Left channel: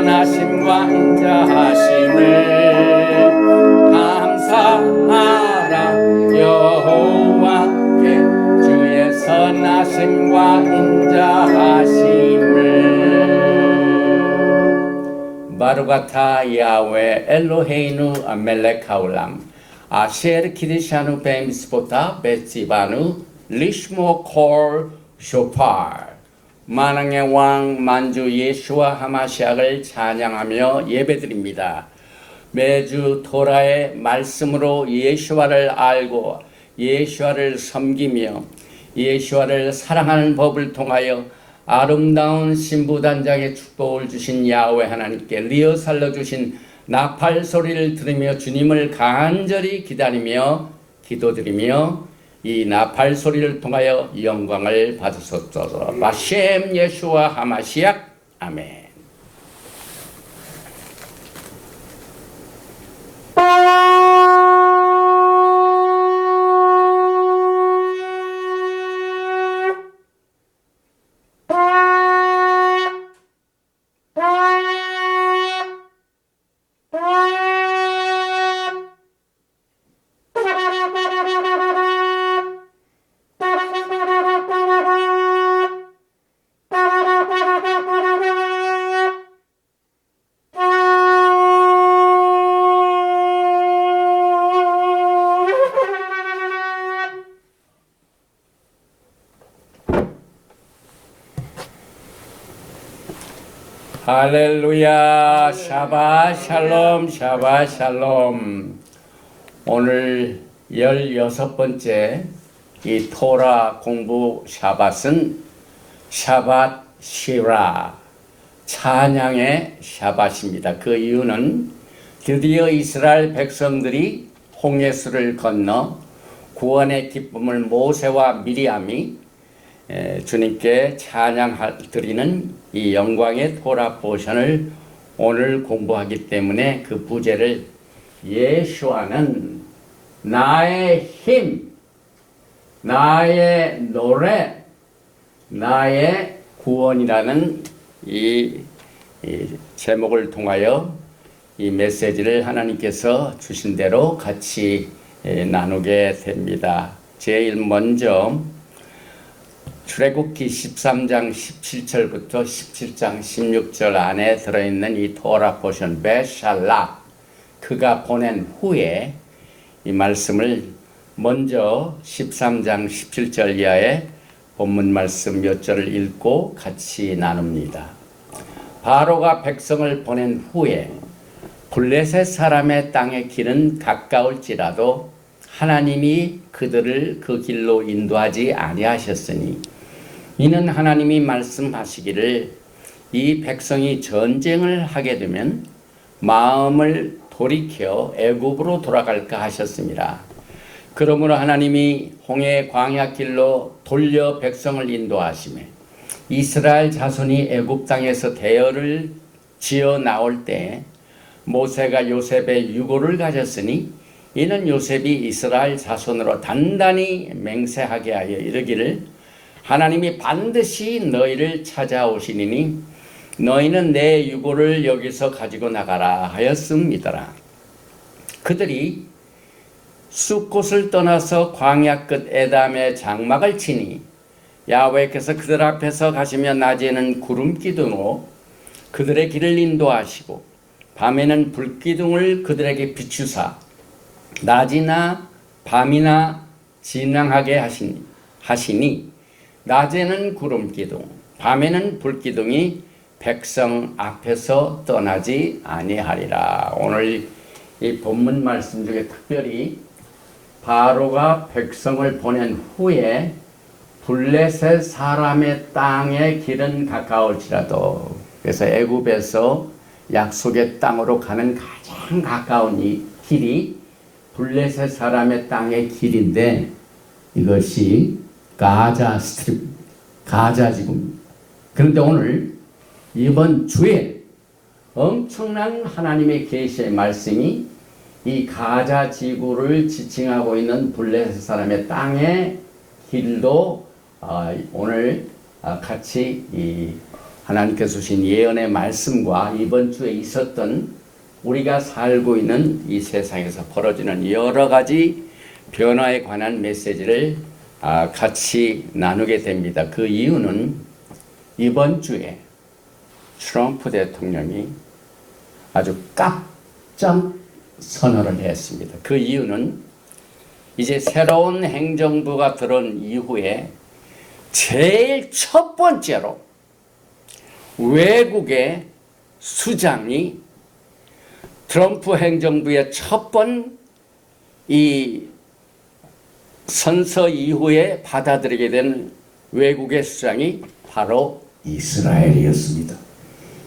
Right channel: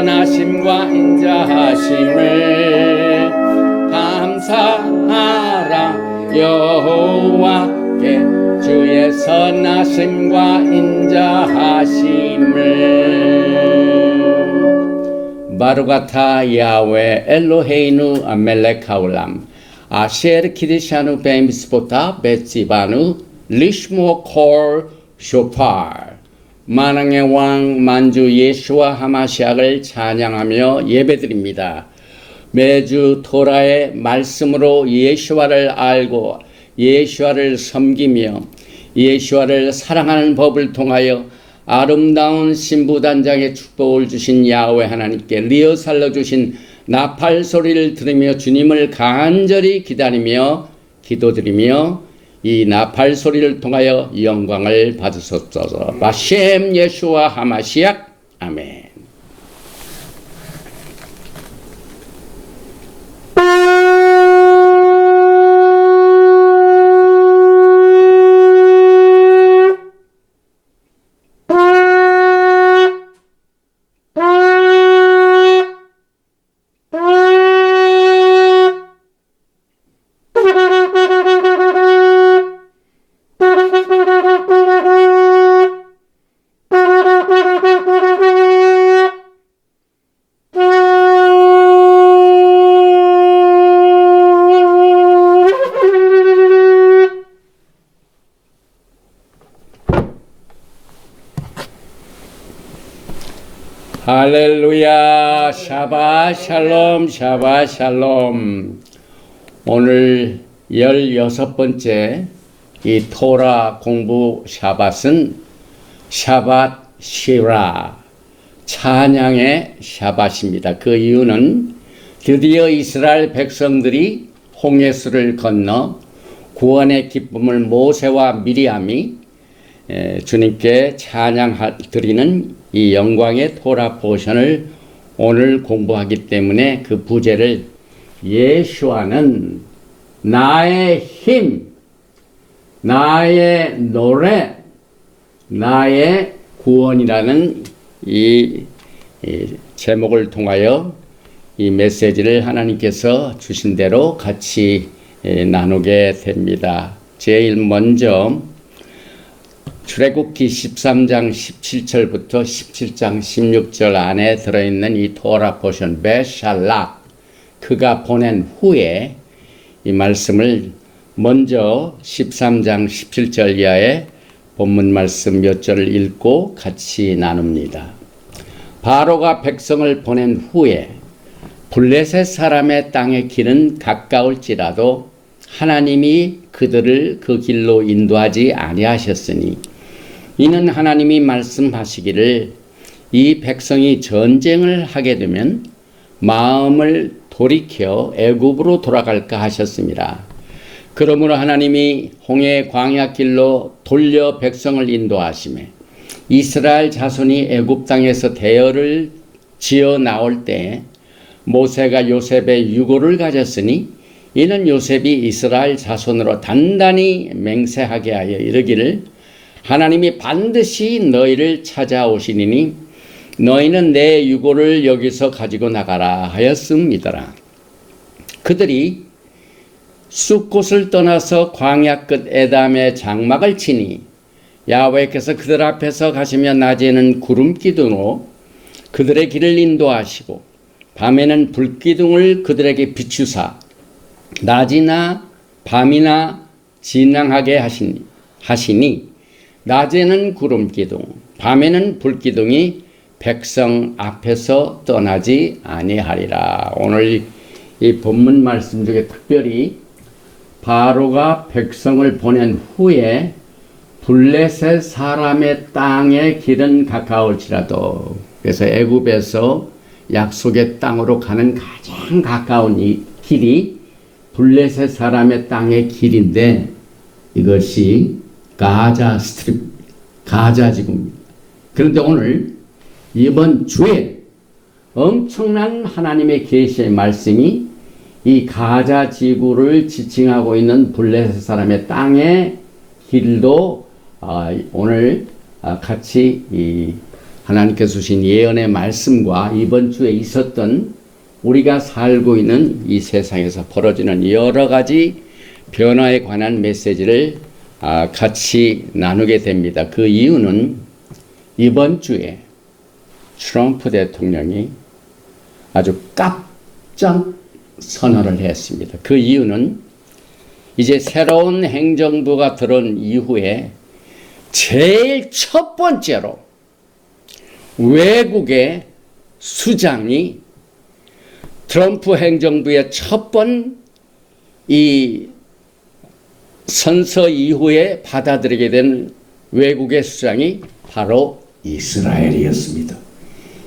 선하심과 인자하심을 감사하라. 여호와께 주의 선하심과 인자하심을. 바루가타 야훼 엘로헤이누 멜렉 하울람 아셰르 키디샤누 베미스보타 베치바누 리시모 콜 쇼파르. 만왕의 왕 만주 예수와 하마시아를 찬양하며 예배드립니다. 매주 토라의 말씀으로 예수와를 알고 예수와를 섬기며 예수와를 사랑하는 법을 통하여 아름다운 신부단장의 축복을 주신 야훼 하나님께 리허설로 주신 나팔 소리를 들으며 주님을 간절히 기다리며 기도드리며 이 나팔 소리를 통하여 영광을 받으소서. 바셈 예수와 하마시약 아멘. 할렐루야. 샤바 샬롬 샤바 샬롬. 오늘 16번째 이 토라 공부 샤밧은 샤밧 시라 찬양의 샤밧입니다. 그 이유는 드디어 이스라엘 백성들이 홍해수를 건너 구원의 기쁨을 모세와 미리암이 주님께 찬양드리는 이 영광의 토라 포션을 오늘 공부하기 때문에 그 부제를 예수와는 나의 힘, 나의 노래, 나의 구원이라는 이 제목을 통하여 이 메시지를 하나님께서 주신 대로 같이 나누게 됩니다. 제일 먼저 출애굽기 13장 17절부터 17장 16절 안에 들어있는 이 토라 포션 베샬라 그가 보낸 후에 이 말씀을 먼저 13장 17절 이하의 본문 말씀 몇 절을 읽고 같이 나눕니다. 바로가 백성을 보낸 후에 블레셋 사람의 땅의 길은 가까울지라도 하나님이 그들을 그 길로 인도하지 아니하셨으니 이는 하나님이 말씀하시기를 이 백성이 전쟁을 하게 되면 마음을 돌이켜 애굽으로 돌아갈까 하셨습니다. 그러므로 하나님이 홍해 광야 길로 돌려 백성을 인도하시매 이스라엘 자손이 애굽 땅에서 대열을 지어 나올 때 모세가 요셉의 유고를 가졌으니 이는 요셉이 이스라엘 자손으로 단단히 맹세하게 하여 이르기를 하나님이 반드시 너희를 찾아오시니니 너희는 내 유고를 여기서 가지고 나가라 하였습니다. 그들이 숫곳을 떠나서 광야 끝 에담의 장막을 치니 야훼께서 그들 앞에서 가시며 낮에는 구름 기둥으로 그들의 길을 인도하시고 밤에는 불기둥을 그들에게 비추사 낮이나 밤이나 진앙하게 하시니 낮에는 구름 기둥 밤에는 불기둥이 백성 앞에서 떠나지 아니하리라. 오늘 이 본문 말씀 중에 특별히 바로가 백성을 보낸 후에 블레셋 사람의 땅의 길은 가까울지라도 그래서 애굽에서 약속의 땅으로 가는 가장 가까운 이 길이 블레셋 사람의 땅의 길인데 이것이 가자 스트립, 가자 지구입니다. 그런데 오늘 이번 주에 엄청난 하나님의 계시의 말씀이 이 가자 지구를 지칭하고 있는 블레셋 사람의 땅의 길도 오늘 같이 이 하나님께서 주신 예언의 말씀과 이번 주에 있었던 우리가 살고 있는 이 세상에서 벌어지는 여러 가지 변화에 관한 메시지를 같이 나누게 됩니다. 그 이유는 이번 주에 트럼프 대통령이 아주 깜짝 선언을 했습니다. 그 이유는 이제 새로운 행정부가 들어온 이후에 제일 첫 번째로 외국의 수장이 트럼프 행정부의 첫 번 이 선서 이후에 받아들이게 된 외국의 수장이 바로 이스라엘이었습니다.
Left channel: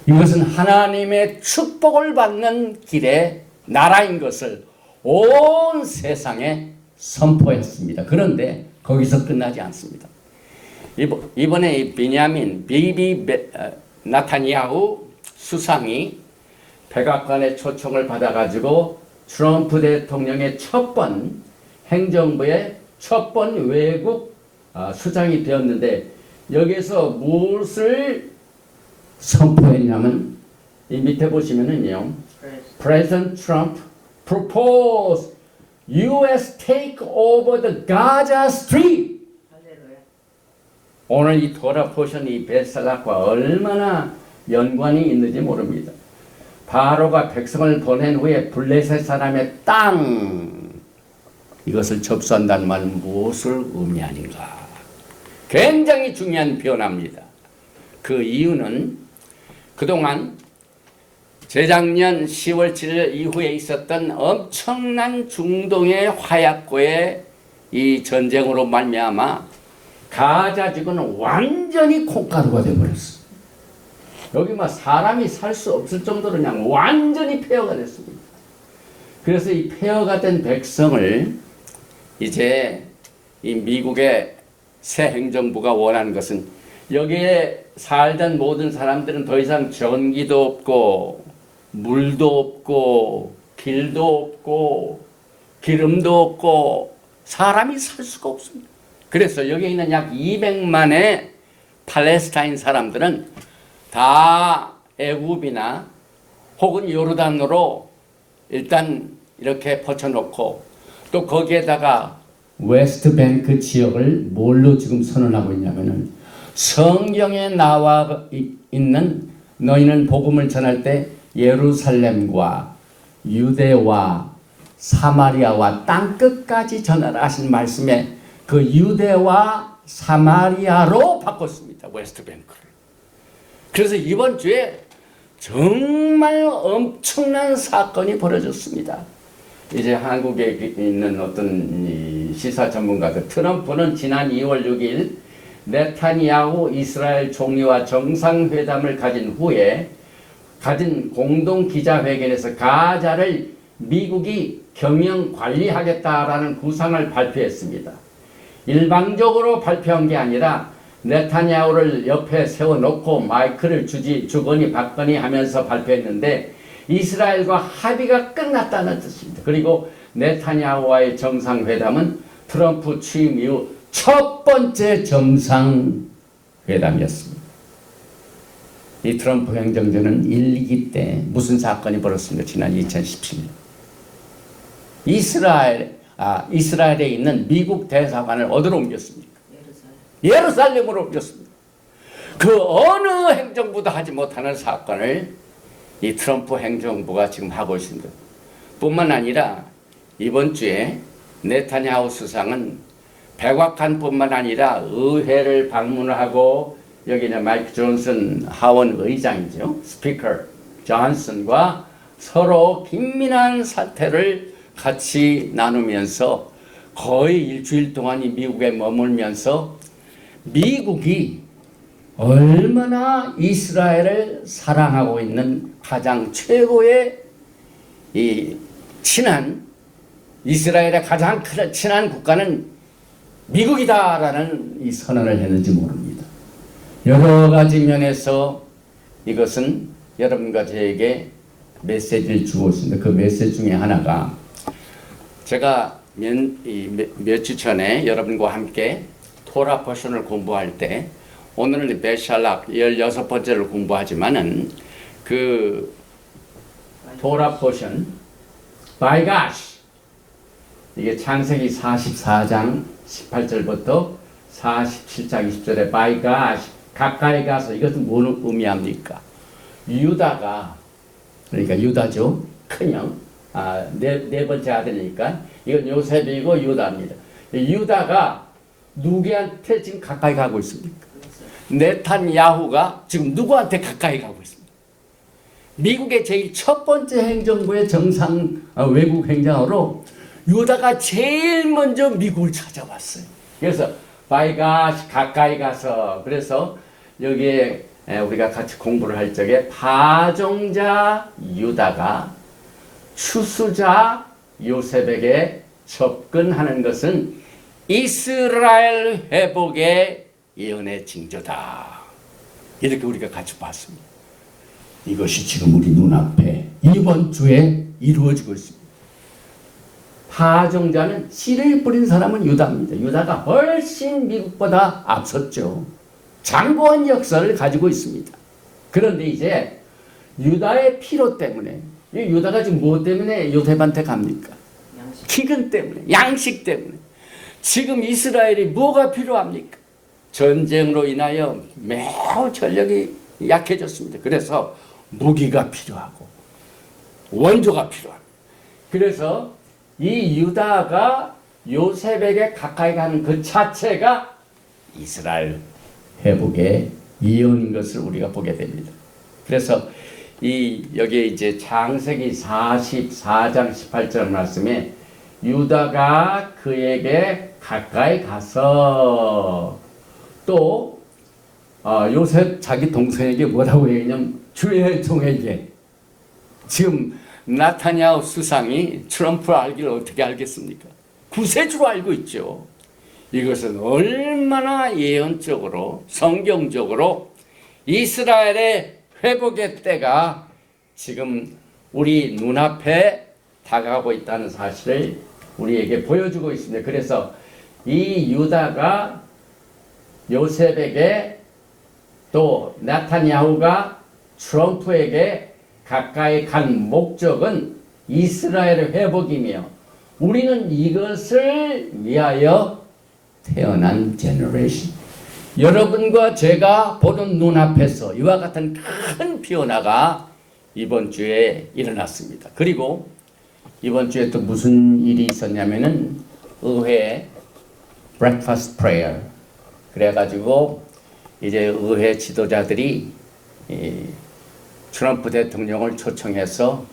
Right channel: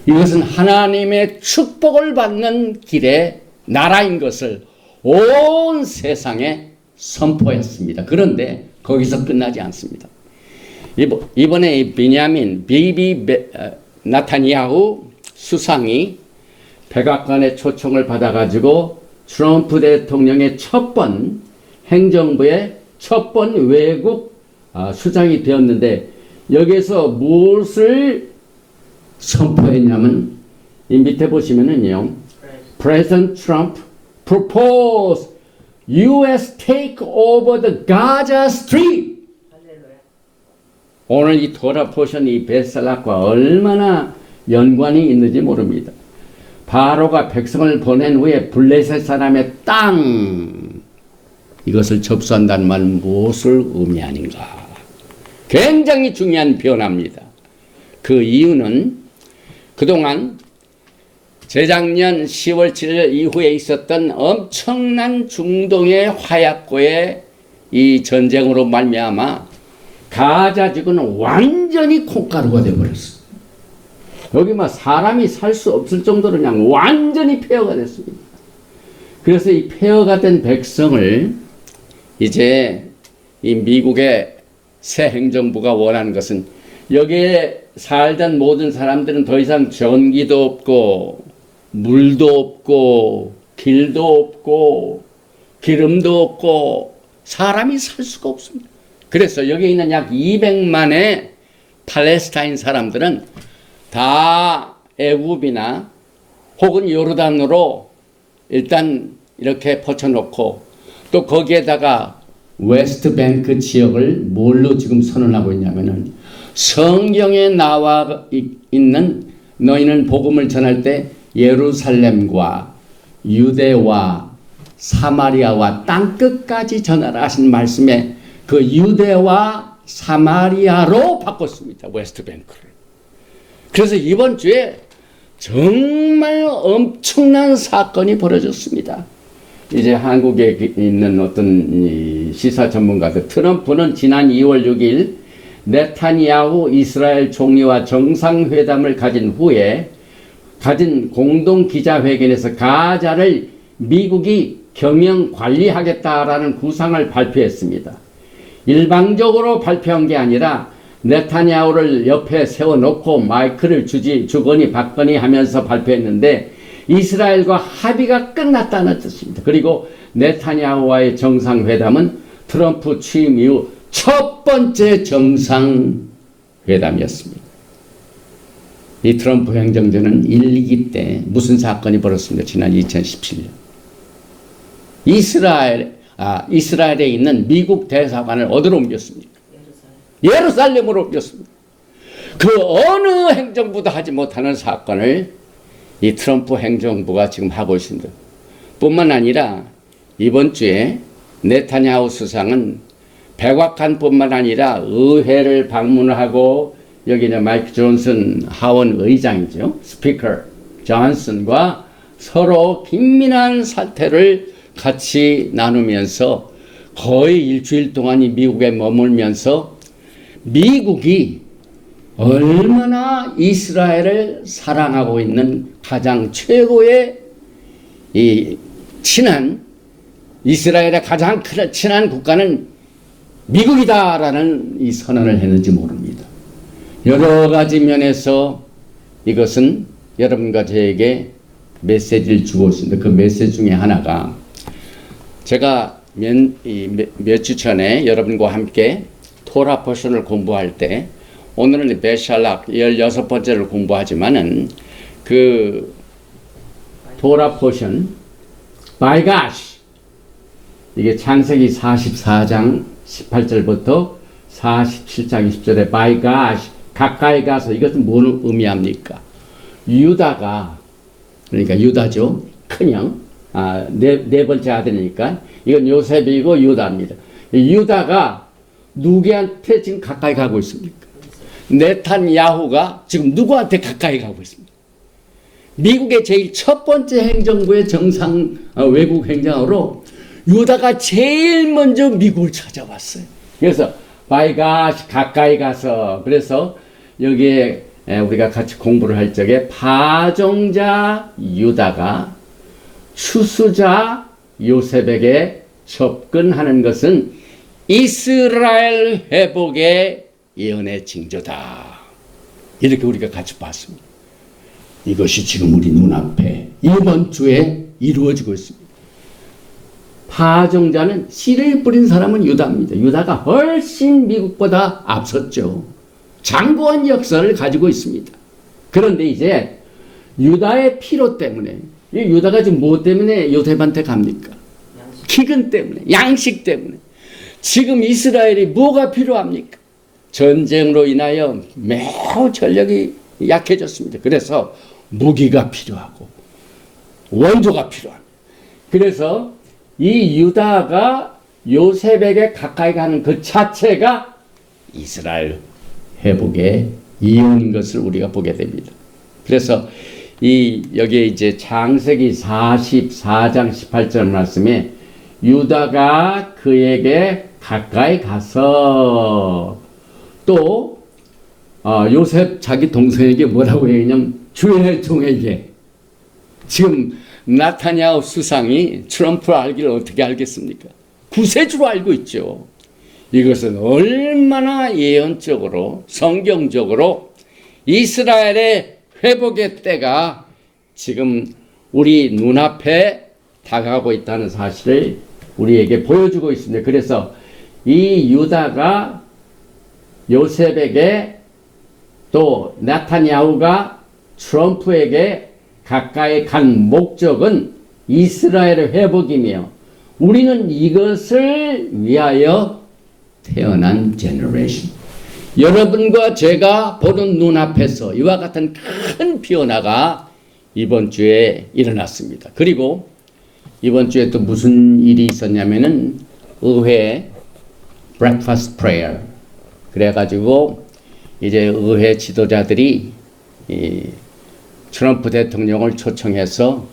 이것은 하나님의 축복을 받는 길의 나라인 것을 온 세상에 선포했습니다. 그런데 거기서 끝나지 않습니다. 이번에 이 베냐민 비비 나타냐후 수상이 백악관의 초청을 받아가지고 트럼프 대통령의 첫 번 행정부의 첫 번 외국 수장이 되었는데 여기서 무엇을 선포했냐면 이 밑에 보시면은요, President Trump proposed U.S. take over the Gaza Strip. 오늘 이 토라 포션 이 베스락과 얼마나 연관이 있는지 모릅니다. 바로가 백성을 보낸 후에 블레셋 사람의 땅 이것을 접수한다는 말은 무엇을 의미하는가? 굉장히 중요한 변화입니다. 그 이유는 그동안 재작년 10월 7일 이후에 있었던 엄청난 중동의 화약고의 이 전쟁으로 말미암아 가자 지구는 완전히 콩가루가 되어버렸어. 여기 막 사람이 살 수 없을 정도로 그냥 완전히 폐허가 됐습니다. 그래서 이 폐허가 된 백성을 이제 이 미국의 새 행정부가 원하는 것은 여기에 살던 모든 사람들은 더 이상 전기도 없고 물도 없고 길도 없고 기름도 없고 사람이 살 수가 없습니다. 그래서 여기 있는 약 200만의 팔레스타인 사람들은 다 애굽이나 혹은 요르단으로 일단 이렇게 퍼쳐놓고 또 거기에다가 웨스트뱅크 지역을 뭘로 지금 선언하고 있냐면은 성경에 나와 있는 너희는 복음을 전할 때 예루살렘과 유대와 사마리아와 땅끝까지 전하라 하신 말씀에 그 유대와 사마리아로 바꿨습니다. 웨스트뱅크를. 그래서 이번 주에 정말 엄청난 사건이 벌어졌습니다. 이제 한국에 있는 어떤 시사 전문가들, 트럼프는 지난 2월 6일 네타냐후 이스라엘 총리와 정상회담을 가진 후에 가진 공동 기자회견에서 가자를 미국이 경영 관리하겠다라는 구상을 발표했습니다. 일방적으로 발표한 게 아니라 네타냐후를 옆에 세워놓고 마이크를 주거니 받거니 하면서 발표했는데 이스라엘과 합의가 끝났다는 뜻입니다. 그리고 네타냐후와의 정상회담은 트럼프 취임 이후 첫 번째 정상회담이었습니다. 이 트럼프 행정부는 1, 2기 때 무슨 사건이 벌어졌습니까? 지난 2017년. 이스라엘에 있는 미국 대사관을 어디로 옮겼습니까? 예루살렘으로 옮겼습니다. 그 어느 행정부도 하지 못하는 사건을 이 트럼프 행정부가 지금 하고 있습니다. 뿐만 아니라 이번 주에 네타냐후 수상은 백악관 뿐만 아니라 의회를 방문하고 여기는 마이크 존슨 하원 의장이죠. 스피커 존슨과 서로 긴밀한 사태를 같이 나누면서 거의 일주일 동안 이 미국에 머물면서 미국이 얼마나 이스라엘을 사랑하고 있는 가장 최고의 이 이스라엘의 가장 친한 국가는 미국이다라는 이 선언을 했는지 모릅니다. 여러 가지 면에서 이것은 여러분과 저에게 메시지를 주고 있습니다. 그 메시지 중에 하나가 제가 몇 주 전에 여러분과 함께 토라 포션을 공부할 때 오늘은 베샬락 16번째를 공부하지만은 그 토라 포션 by gosh 이게 창세기 44장 18절부터 47장 20절에 by gosh 가까이 가서 이것은 뭘 의미합니까? 유다가 그러니까 유다죠. 큰형 네 번째 아들이니까 이건 요셉이고 유다입니다. 유다가 누구한테 지금 가까이 가고 있습니까? 네탄야후가 지금 누구한테 가까이 가고 있습니까? 미국의 제일 첫 번째 행정부의 외국 행정으로 유다가 제일 먼저 미국을 찾아왔어요. 그래서 바이가 가까이 가서 그래서 여기에 우리가 같이 공부를 할 적에 파종자 유다가 추수자 요셉에게 접근하는 것은 이스라엘 회복의 예언의 징조다. 이렇게 우리가 같이 봤습니다. 이것이 지금 우리 눈앞에 이번 주에 이루어지고 있습니다. 파종자는 씨를 뿌린 사람은 유다입니다. 유다가 훨씬 미국보다 앞섰죠. 장구한 역사를 가지고 있습니다. 그런데 이제 유다의 필요 때문에 유다가 지금 뭐 때문에 요셉한테 갑니까? 기근 때문에, 양식 때문에. 지금 이스라엘이 뭐가 필요합니까? 전쟁으로 인하여 매우 전력이 약해졌습니다. 그래서 무기가 필요하고 원조가 필요합니다. 그래서 이 유다가 요셉에게 가까이 가는 그 자체가 이스라엘 회복의 이유인 것을 우리가 보게 됩니다. 그래서 여기에 이제 창세기 44장 18절 말씀에 유다가 그에게 가까이 가서 또 요셉 자기 동생에게 뭐라고 얘기냐면 주의 종에게 지금 나타냐후 수상이 트럼프를 알기를 어떻게 알겠습니까? 구세주로 알고 있죠. 이것은 얼마나 예언적으로 성경적으로 이스라엘의 회복의 때가 지금 우리 눈앞에 다가가고 있다는 사실을 우리에게 보여주고 있습니다. 그래서 이 유다가 요셉에게 또 나타냐후가 트럼프에게 가까이 간 목적은 이스라엘의 회복이며 우리는 이것을 위하여 태어난 제너레이션. 여러분과 제가 보는 눈앞에서 이와 같은 큰 변화가 이번 주에 일어났습니다. 그리고 이번 주에 또 무슨 일이 있었냐면은 의회 breakfast prayer 그래가지고 이제 의회 지도자들이 트럼프 대통령을 초청해서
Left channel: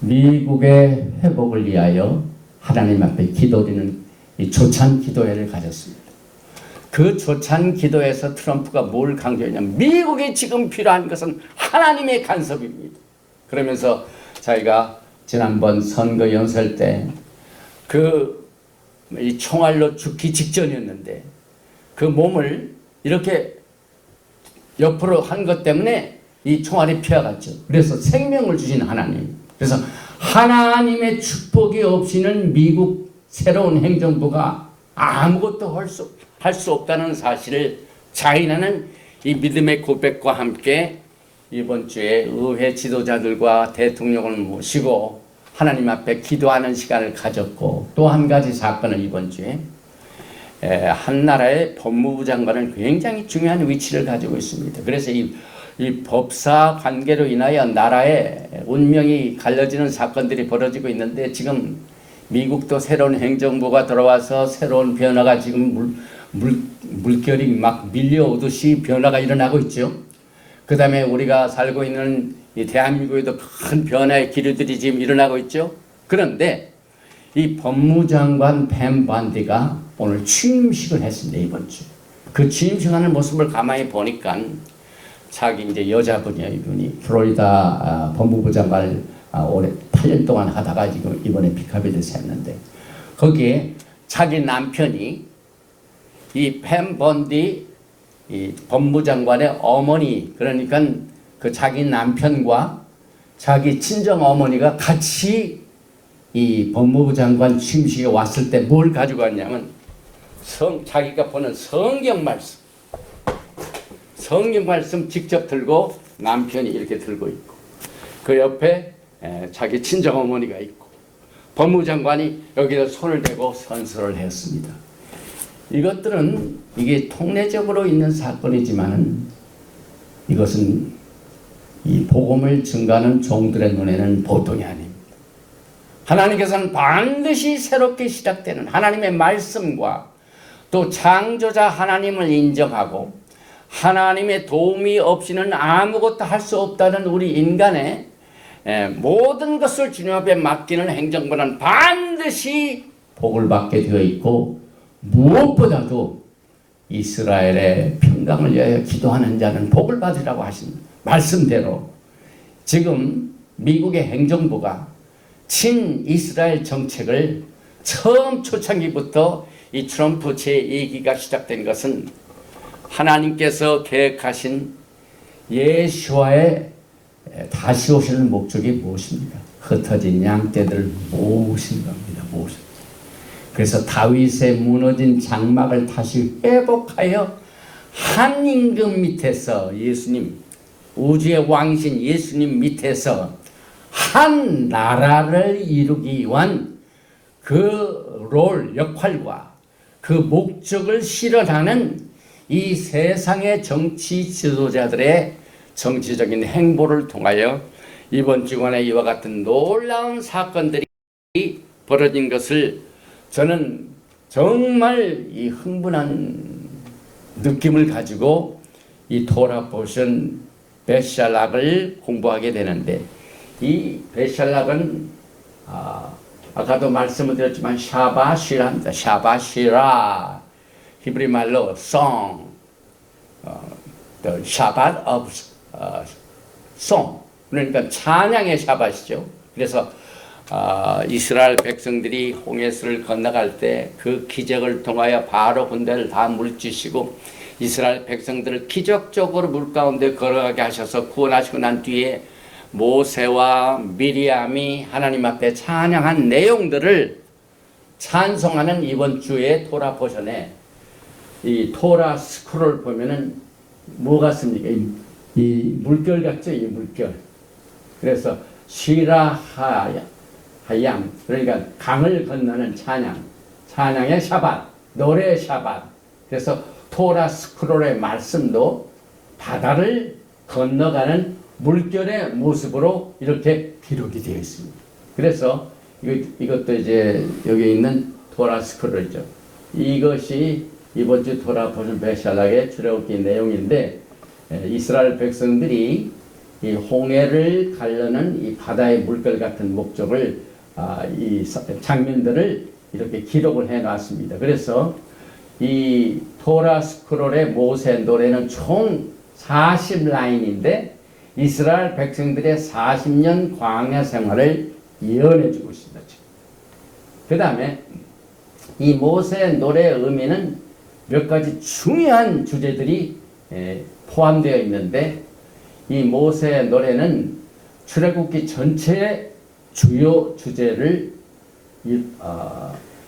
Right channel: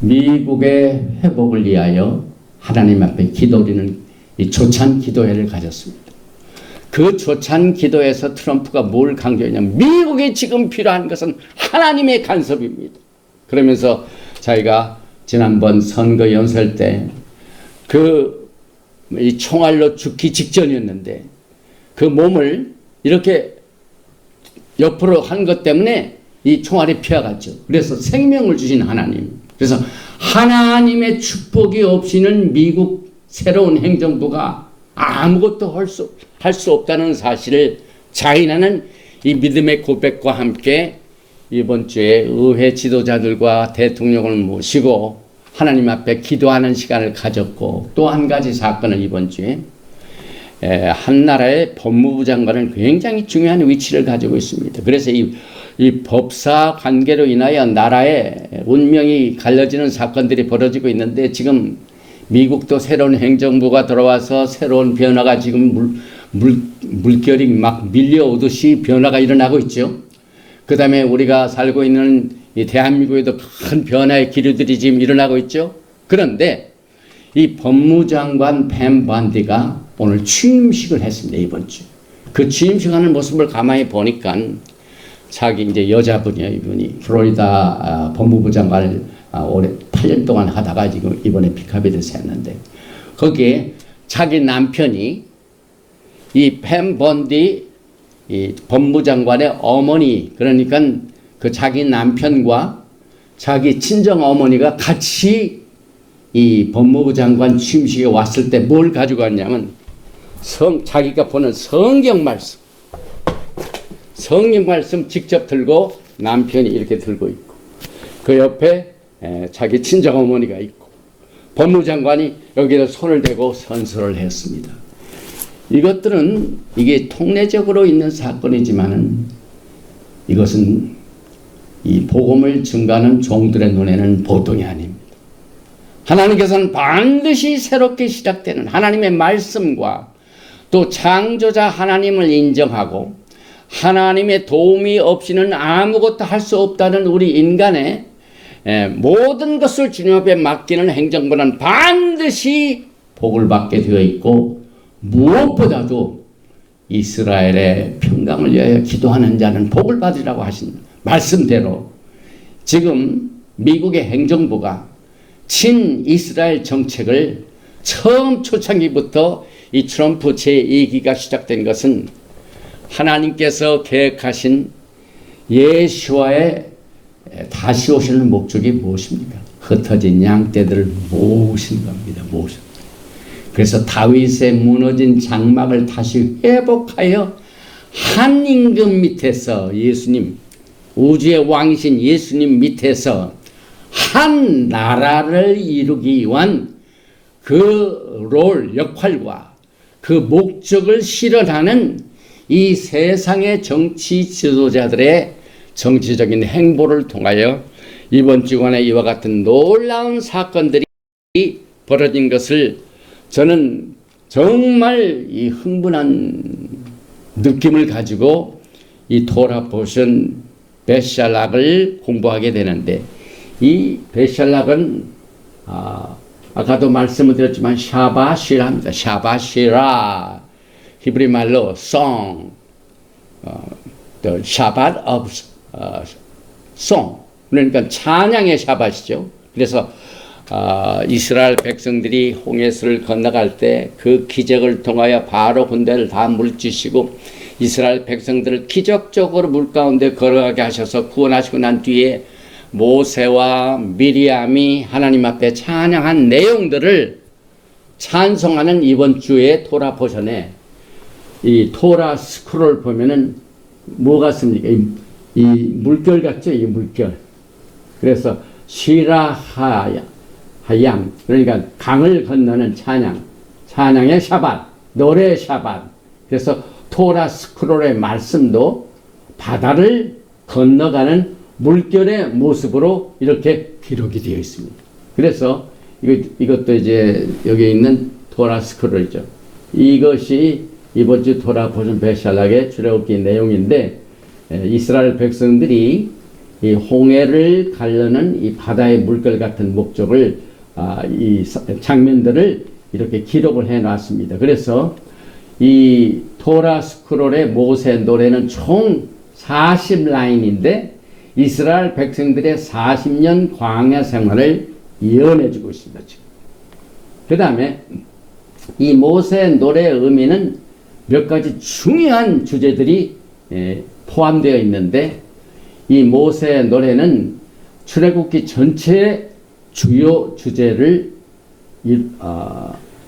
미국의 회복을 위하여 하나님 앞에 기도드리는 이 초창 기도회를 가졌습니다. 그 조찬 기도에서 트럼프가 뭘 강조했냐면 미국에 지금 필요한 것은 하나님의 간섭입니다. 그러면서 자기가 지난번 선거 연설 때 이 총알로 죽기 직전이었는데 그 몸을 이렇게 옆으로 한 것 때문에 이 총알이 피어갔죠. 그래서 생명을 주신 하나님. 그래서 하나님의 축복이 없이는 미국 새로운 행정부가 아무것도 할 수 없다는 사실을 자인하는 이 믿음의 고백과 함께 이번 주에 의회 지도자들과 대통령을 모시고 하나님 앞에 기도하는 시간을 가졌고, 또 한 가지 사건을 이번 주에 한 나라의 법무부 장관은 굉장히 중요한 위치를 가지고 있습니다. 그래서 이 법사 관계로 인하여 나라의 운명이 갈라지는 사건들이 벌어지고 있는데, 지금 미국도 새로운 행정부가 들어와서 새로운 변화가 지금 물결이 막 밀려오듯이 변화가 일어나고 있죠. 그 다음에 우리가 살고 있는 이 대한민국에도 큰 변화의 기류들이 지금 일어나고 있죠. 그런데 이 법무장관 팸 반디가 오늘 취임식을 했습니다. 이번 주. 그 취임식하는 모습을 가만히 보니까 자기 이제 여자분이에요. 이분이 플로리다 법무부 장관을 올해 8년 동안 하다가 지금 이번에 픽업이 돼서 했는데, 거기에 자기 남편이 이 팸 번디 이 법무장관의 어머니, 그러니까 그 자기 남편과 자기 친정 어머니가 같이 이 법무부 장관 취임식에 왔을 때 뭘 가지고 왔냐면 자기가 보는 성경 말씀 직접 들고, 남편이 이렇게 들고 있고, 그 옆에 자기 친정 어머니가 있고, 법무장관이 여기다 손을 대고 선서를 했습니다. 이것들은 이게 통례적으로 있는 사건이지만은 이것은 이 복음을 증가하는 종들의 눈에는 보통이 아닙니다. 하나님께서는 반드시 새롭게 시작되는 하나님의 말씀과 또 창조자 하나님을 인정하고 하나님의 도움이 없이는 아무것도 할 수 없다는 우리 인간의 모든 것을 주님 앞에 맡기는 행정부는 반드시 복을 받게 되어 있고, 무엇보다도 이스라엘의 평강을 위하여 기도하는 자는 복을 받으라고 하신 말씀대로 지금 미국의 행정부가 친이스라엘 정책을 처음 초창기부터 이 트럼프 제2기가 시작된 것은 하나님께서 계획하신 예수와의 다시 오시는 목적이 무엇입니까? 흩어진 양떼들을 모으신 겁니다. 그래서 다윗의 무너진 장막을 다시 회복하여 한 임금 밑에서 예수님, 우주의 왕이신 예수님 밑에서 한 나라를 이루기 위한 그 역할과 그 목적을 실현하는 이 세상의 정치 지도자들의 정치적인 행보를 통하여 이번 주간에 이와 같은 놀라운 사건들이 벌어진 것을 저는 정말 이 흥분한 느낌을 가지고 이 토라 포션 베샬락을 공부하게 되는데, 이 베샬락은 아까도 말씀을 드렸지만 샤바시라입니다. 샤바시라, 히브리 말로 song, the Shabbat of song, 그러니까 찬양의 샤바시죠. 그래서 이스라엘 백성들이 홍해수를 건너갈 때 그 기적을 통하여 바로 군대를 다 물리치시고 이스라엘 백성들을 기적적으로 물 가운데 걸어가게 하셔서 구원하시고 난 뒤에 모세와 미리암이 하나님 앞에 찬양한 내용들을 찬송하는 이번 주의 토라 포션에 이 토라 스크롤 보면은 뭐 같습니까? 이 물결 같죠? 이 물결. 그래서 시라하야 하얌, 그러니까 강을 건너는 찬양의 샤밧, 노래의 샤밧. 그래서 토라 스크롤의 말씀도 바다를 건너가는 물결의 모습으로 이렇게 기록이 되어 있습니다. 그래서 이것도 이제 여기 있는 토라 스크롤이죠. 이것이 이번 주 토라 포션 베샬락의 출애굽기 내용인데, 이스라엘 백성들이 이 홍해를 가르는 이 바다의 물결 같은 목적을 이 장면들을 이렇게 기록을 해 놨습니다. 그래서 이 토라 스크롤의 모세 노래는 총 40라인인데 이스라엘 백성들의 40년 광야 생활을 예언해주고 있습니다. 그 다음에 이 모세 노래의 의미는 몇 가지 중요한 주제들이 포함되어 있는데 이 모세 노래는 출애굽기 전체의 주요 주제를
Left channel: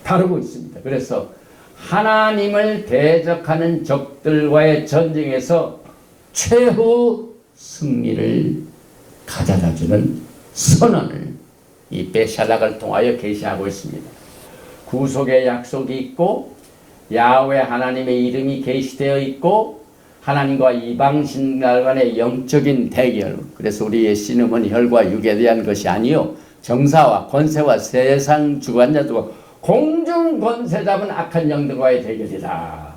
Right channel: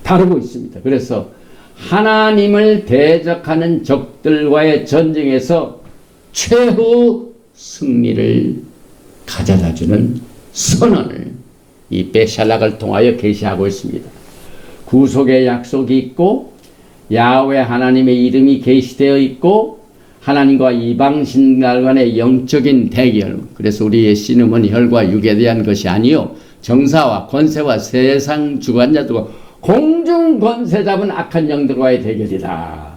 다루고 있습니다. 그래서 하나님을 대적하는 적들과의 전쟁에서 최후 승리를 가져다주는 선언을 이 베샬락을 통하여 계시하고 있습니다. 구속의 약속이 있고 야훼 하나님의 이름이 계시되어 있고 하나님과 이방신들 간의 영적인 대결. 그래서 우리의 씨름은 혈과 육에 대한 것이 아니요 정사와 권세와 세상 주관자들과 공중 권세 잡은 악한 영들과의 대결이다.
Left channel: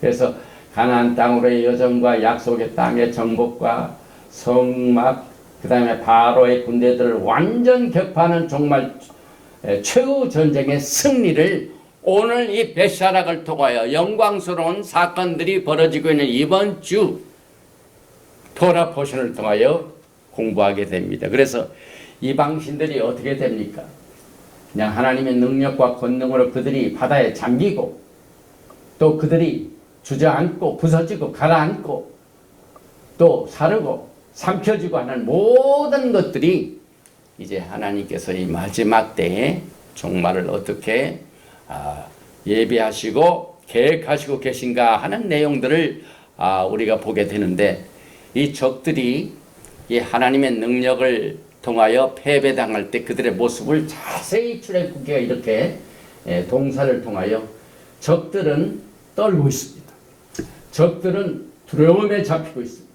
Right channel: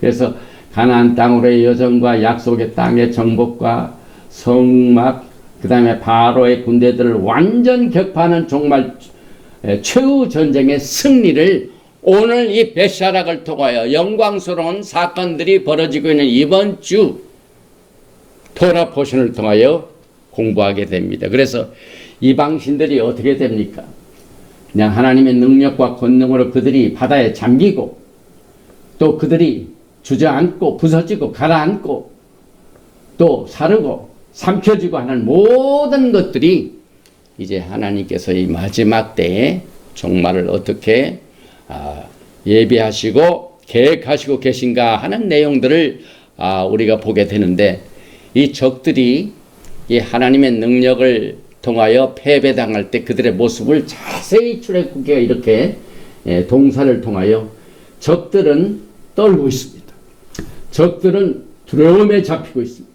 그래서 가나안 땅으로의 여정과 약속의 땅의 정복과 성막 그 다음에 바로의 군대들을 완전 격파하는 정말 최후 전쟁의 승리를 오늘 이 베샤락을 통하여 영광스러운 사건들이 벌어지고 있는 이번 주 토라 포션을 통하여 공부하게 됩니다. 그래서 이방신들이 어떻게 됩니까? 그냥 하나님의 능력과 권능으로 그들이 바다에 잠기고 또 그들이 주저앉고 부서지고 가라앉고 또 사르고 삼켜지고 하는 모든 것들이 이제 하나님께서 이 마지막 때에 종말을 어떻게 예비하시고 계획하시고 계신가 하는 내용들을 우리가 보게 되는데 이 적들이 이 하나님의 능력을 통하여 패배당할 때 그들의 모습을 자세히 출애굽기가 이렇게 동사를 통하여 적들은 떨고 있습니다. 적들은 두려움에 잡히고 있습니다.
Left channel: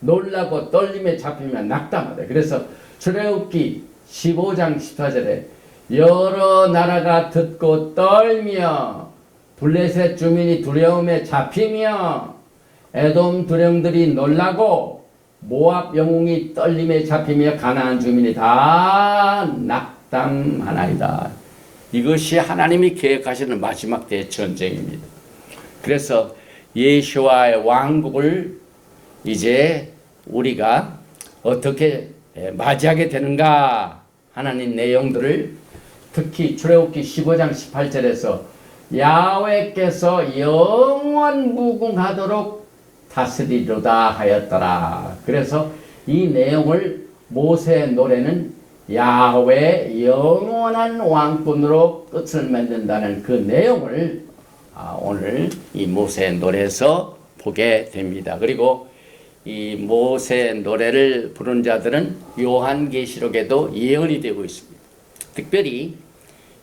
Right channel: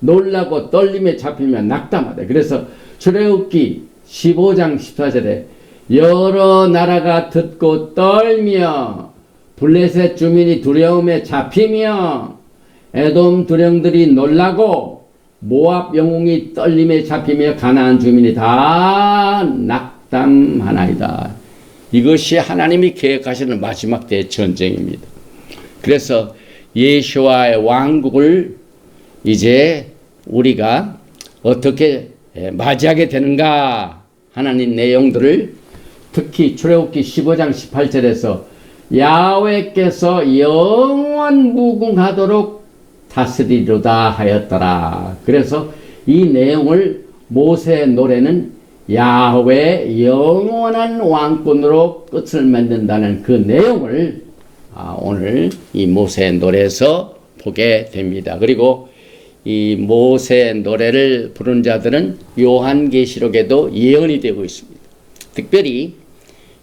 놀라고 떨림에 잡히면 낙담하다. 그래서 출애굽기 15장 14절에 여러 나라가 듣고 떨며 블레셋 주민이 두려움에 잡히며 에돔 두령들이 놀라고 모압 영웅이 떨림에 잡히며 가나안 주민이 다 낙담하나이다. 이것이 하나님이 계획하시는 마지막 때의 전쟁입니다. 그래서 예수와의 왕국을 이제 우리가 어떻게 맞이하게 되는가 하나님 내용들을 특히 출애굽기 15장 18절에서 야훼께서 영원 무궁하도록 다스리로다 하였더라. 그래서 이 내용을 모세의 노래는 야훼 영원한 왕권으로 끝을 맺는다는 그 내용을 오늘 이 모세의 노래에서 보게 됩니다. 그리고 이 모세의 노래를 부른 자들은 요한계시록에도 예언이 되고 있습니다. 특별히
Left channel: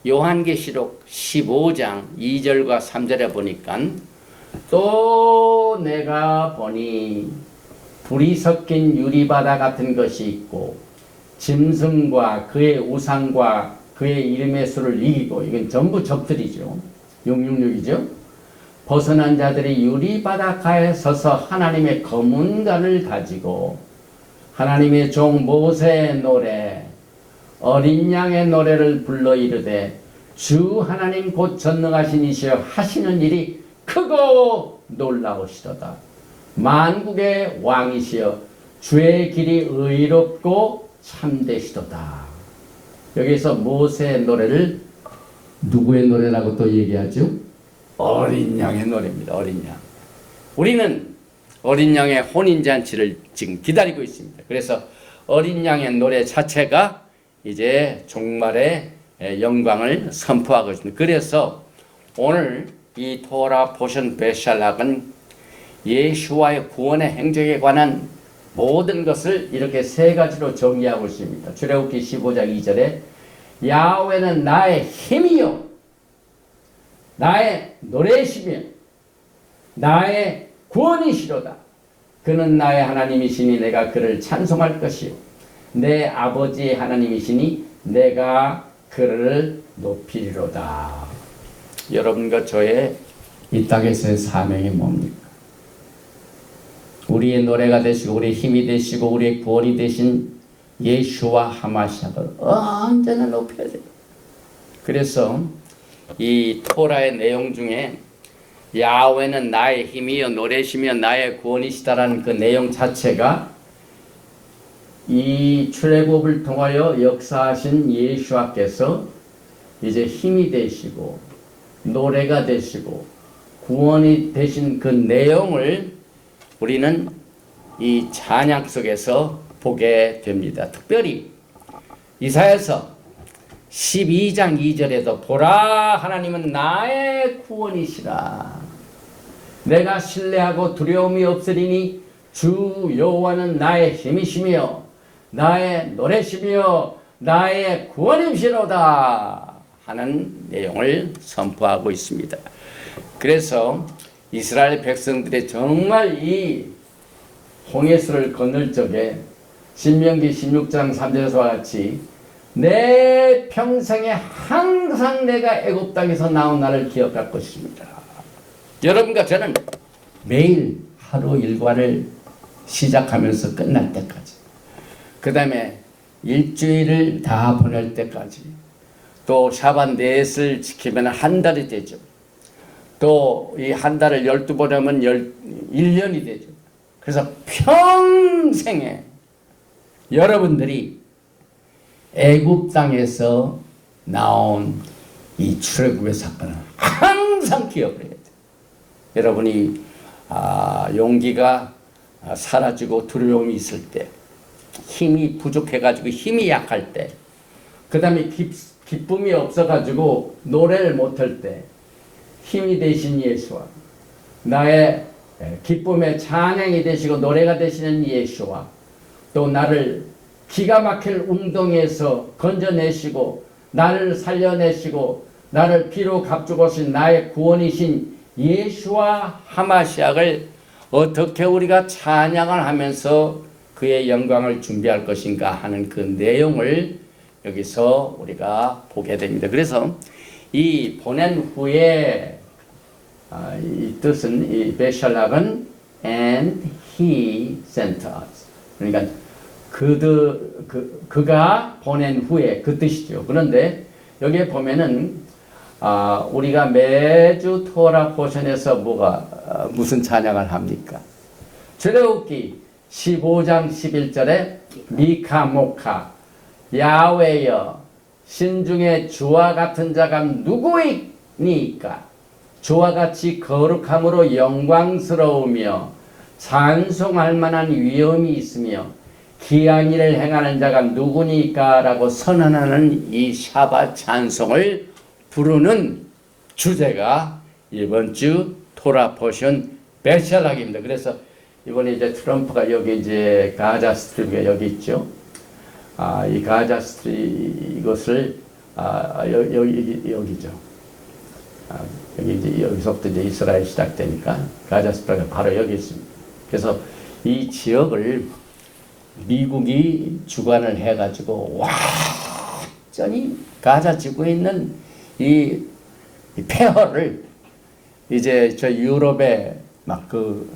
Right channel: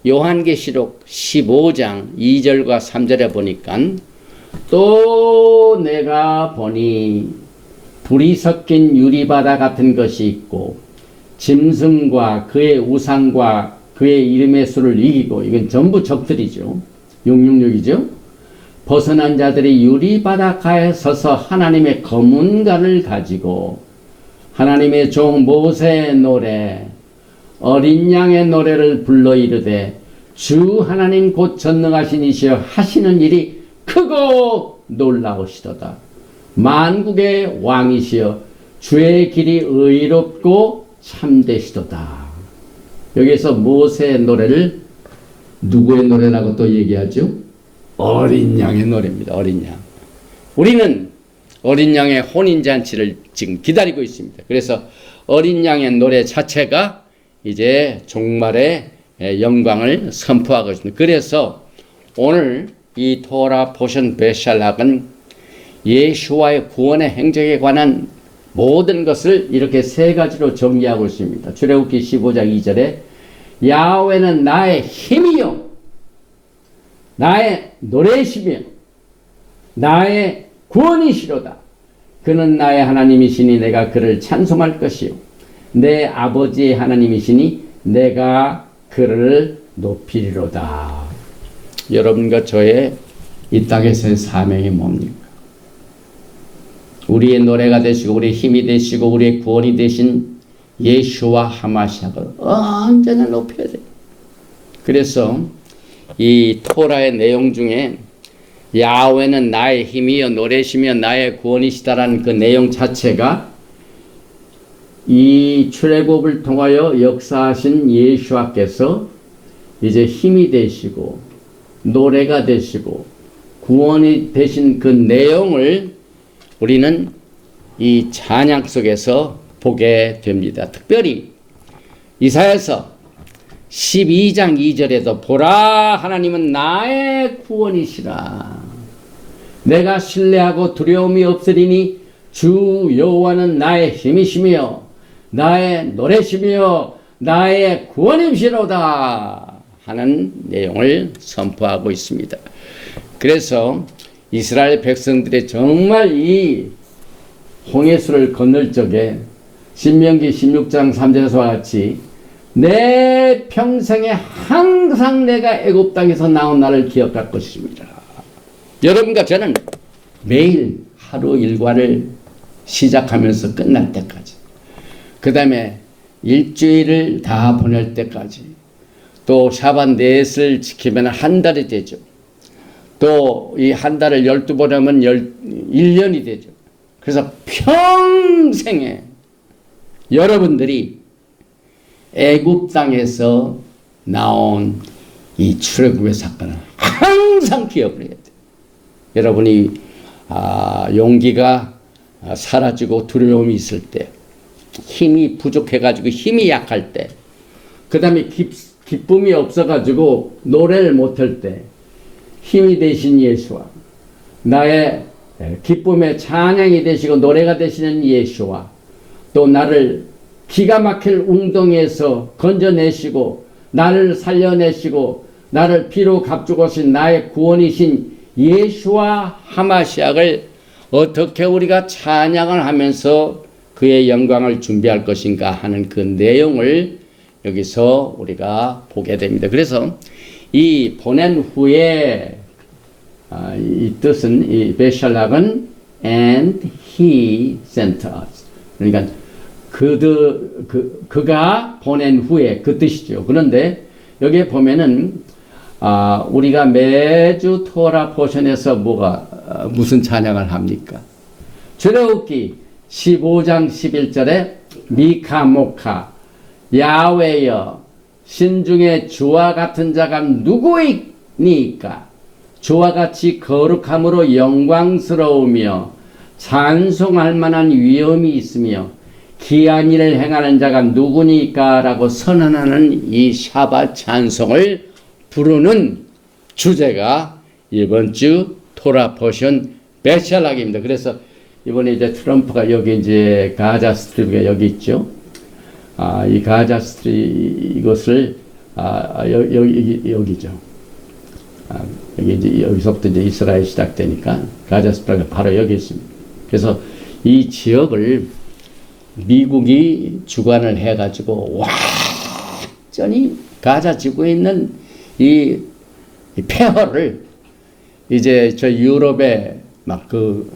요한계시록 15장 2절과 3절에 보니까 또 내가 보니 불이 섞인 유리바다 같은 것이 있고 짐승과 그의 우상과 그의 이름의 수를 이기고 이건 전부 적들이죠. 666이죠. 벗어난 자들이 유리바닷가에 서서 하나님의 검은관을 가지고 하나님의 종 모세의 노래 어린 양의 노래를 불러 이르되 주 하나님 곧 전능하신 이시여 하시는 일이 크고 놀라우시도다. 만국의 왕이시여 주의 길이 의롭고 참되시도다. 여기서 모세의 노래를 누구의 노래라고 또 얘기하죠? 어린 양의 노래입니다. 어린 양. 우리는 어린 양의 혼인잔치를 지금 기다리고 있습니다. 그래서 어린 양의 노래 자체가 이제 종말의 영광을 선포하고 있습니다. 그래서 오늘 이 토라 포션 베샬락은 예수와의 구원의 행적에 관한 모든 것을 이렇게 세 가지로 정리하고 있습니다. 출애굽기 15장 2절에 야훼는 나의 힘이요 나의 노래시며 나의 구원이시로다. 그는 나의 하나님이시니 내가 그를 찬송할 것이요 내 아버지의 하나님이시니 내가 그를 높이리로다. 여러분과 저의 이 땅에서의 사명이 뭡니까? 우리의 노래가 되시고 우리의 힘이 되시고 우리의 구원이 되신 예수와 하마시아를 언제나 높여야 돼요. 그래서 이 토라의 내용 중에 야훼는 나의 힘이여 노래시며 나의 구원이시다라는 그 내용 자체가 이 출애굽을 통하여 역사하신 예수와께서 이제 힘이 되시고 노래가 되시고 구원이 되신 그 내용을 우리는 이 찬양 속에서 보게 됩니다. 특별히 이사야서 12장 2절에도 보라 하나님은 나의 구원이시라. 내가 신뢰하고 두려움이 없으리니 주 여호와는 나의 힘이시며 나의 노래시며 나의 구원이시로다 하는 내용을 선포하고 있습니다. 그래서 이스라엘 백성들이 정말 이 홍해수를 건널 적에 신명기 16장 3절에서 같이 내 평생에 항상 내가 애굽 땅에서 나온 나를 기억할 것입니다. 여러분과 저는 매일 하루 일과를 시작하면서 끝날 때까지, 그 다음에 일주일을 다 보낼 때까지, 또 샤bat 넷을 지키면 한 달이 되죠. 또 이 한 달을 12번 하면 1년이 되죠. 그래서 평생에 여러분들이 애굽 땅에서 나온 이 출애굽의 사건을 항상 기억을 해야 돼요. 여러분이 용기가 사라지고 두려움이 있을 때, 힘이 부족해가지고 힘이 약할 때, 그 다음에 기쁨이 없어가지고 노래를 못할 때, 힘이 되신 예수와 나의 기쁨의 찬양이 되시고 노래가 되시는 예수와 또 나를 기가 막힐 웅덩이에서 건져내시고 나를 살려내시고 나를 피로 값주고신 나의 구원이신 예수와 하마시약을 어떻게 우리가 찬양을 하면서 그의 영광을 준비할 것인가 하는 그 내용을 여기서 우리가 보게 됩니다. 그래서 이 보낸 후에 이 뜻은 이 베샬락은 and he sent us, 그러니까 그가 보낸 후에 그 뜻이죠. 그런데 여기에 보면은 우리가 매주 토라 포션에서 무슨 찬양을 합니까? 출애굽기 15장 11절에 미카 모카 야훼여 신중에 주와 같은 자가 누구이니까 주와 같이 거룩함으로 영광스러우며 찬송할 만한 위엄이 있으며 기한 일을 행하는 자가 누구니까 라고 선언하는 이 샤밧 찬송을 부르는 주제가 이번 주 토라 포션 베샬락입니다. 그래서 이번에 이제 트럼프가 여기 이제 가자 스트립이 여기 있죠. 이 가자 스트립 이것을 여기죠. 여기 이제 여기서부터 이제 이스라엘 시작되니까 가자 스트립이 바로 여기 있습니다. 그래서 이 지역을 미국이 주관을 해가지고 완전히 가자 지구에 있는 이 폐허를 이제 저 유럽의 막 그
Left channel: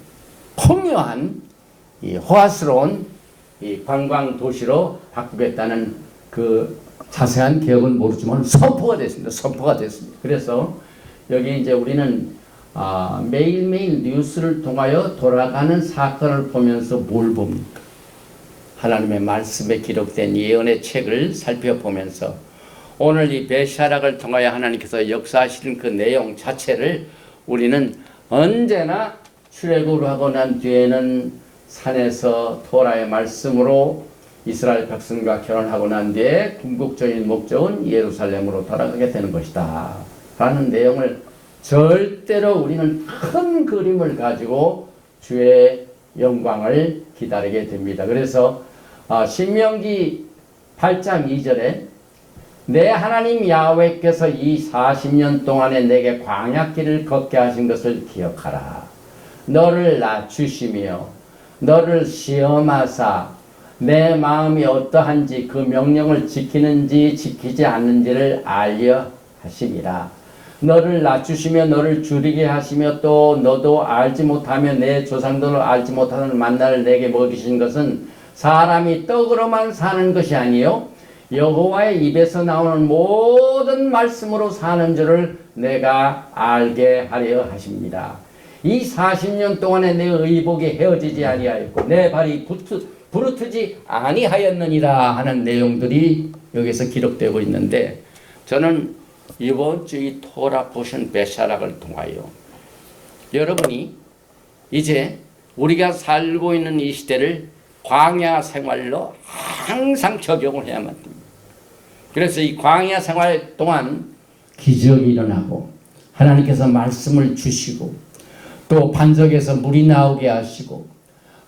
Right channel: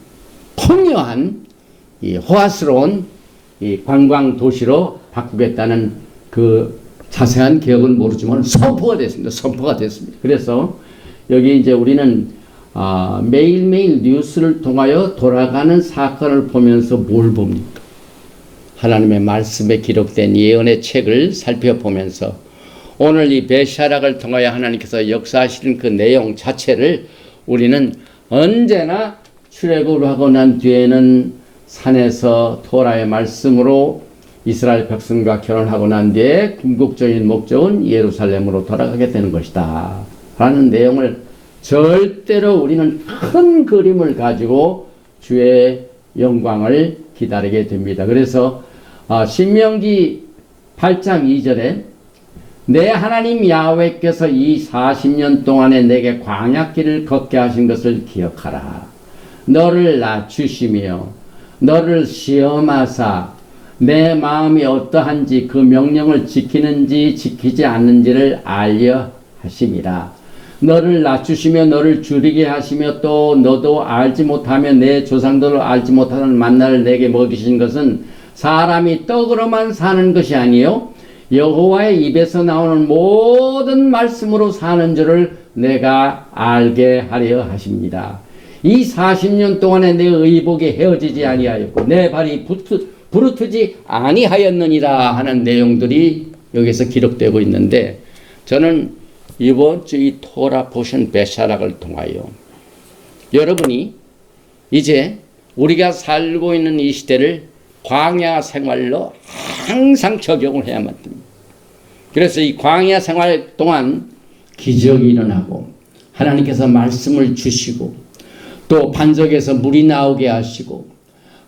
통요한 이 호화스러운 이 관광 도시로 바꾸겠다는 그 자세한 계획은 모르지만 선포가 됐습니다. 선포가 됐습니다. 그래서 여기 이제 우리는 매일매일 뉴스를 통하여 돌아가는 사건을 보면서 뭘 봅니까? 하나님의 말씀에 기록된 예언의 책을 살펴보면서 오늘 이 베샬락을 통하여 하나님께서 역사하시는 그 내용 자체를 우리는 언제나 출애굽을 하고 난 뒤에는 산에서 토라의 말씀으로 이스라엘 백성과 결혼하고 난 뒤에 궁극적인 목적은 예루살렘으로 돌아가게 되는 것이다 라는 내용을 절대로 우리는 큰 그림을 가지고 주의 영광을 기다리게 됩니다. 그래서 신명기 8장 2절에 내 하나님 야훼께서 이 40년 동안에 내게 광야길을 걷게 하신 것을 기억하라. 너를 낮추시며 너를 시험하사 내 마음이 어떠한지 그 명령을 지키는지 지키지 않는지를 알려 하심이라. 너를 낮추시며 너를 줄이게 하시며 또 너도 알지 못하며 내 조상들을 알지 못하는 만나를 내게 먹이신 것은 사람이 떡으로만 사는 것이 아니요 여호와의 입에서 나오는 모든 말씀으로 사는 줄을 내가 알게 하려 하십니다. 이 40년 동안에 내 의복이 헤어지지 아니하였고 내 발이 부르트지 아니하였느니라 하는 내용들이 여기서 기록되고 있는데, 저는 이번 주 이 토라 포션 베샤락을 통하여 여러분이 이제 우리가 살고 있는 이 시대를 광야 생활로 항상 적용을 해야만 됩니다. 그래서 이 광야 생활 동안 기적이 일어나고 하나님께서 말씀을 주시고 또 반석에서 물이 나오게 하시고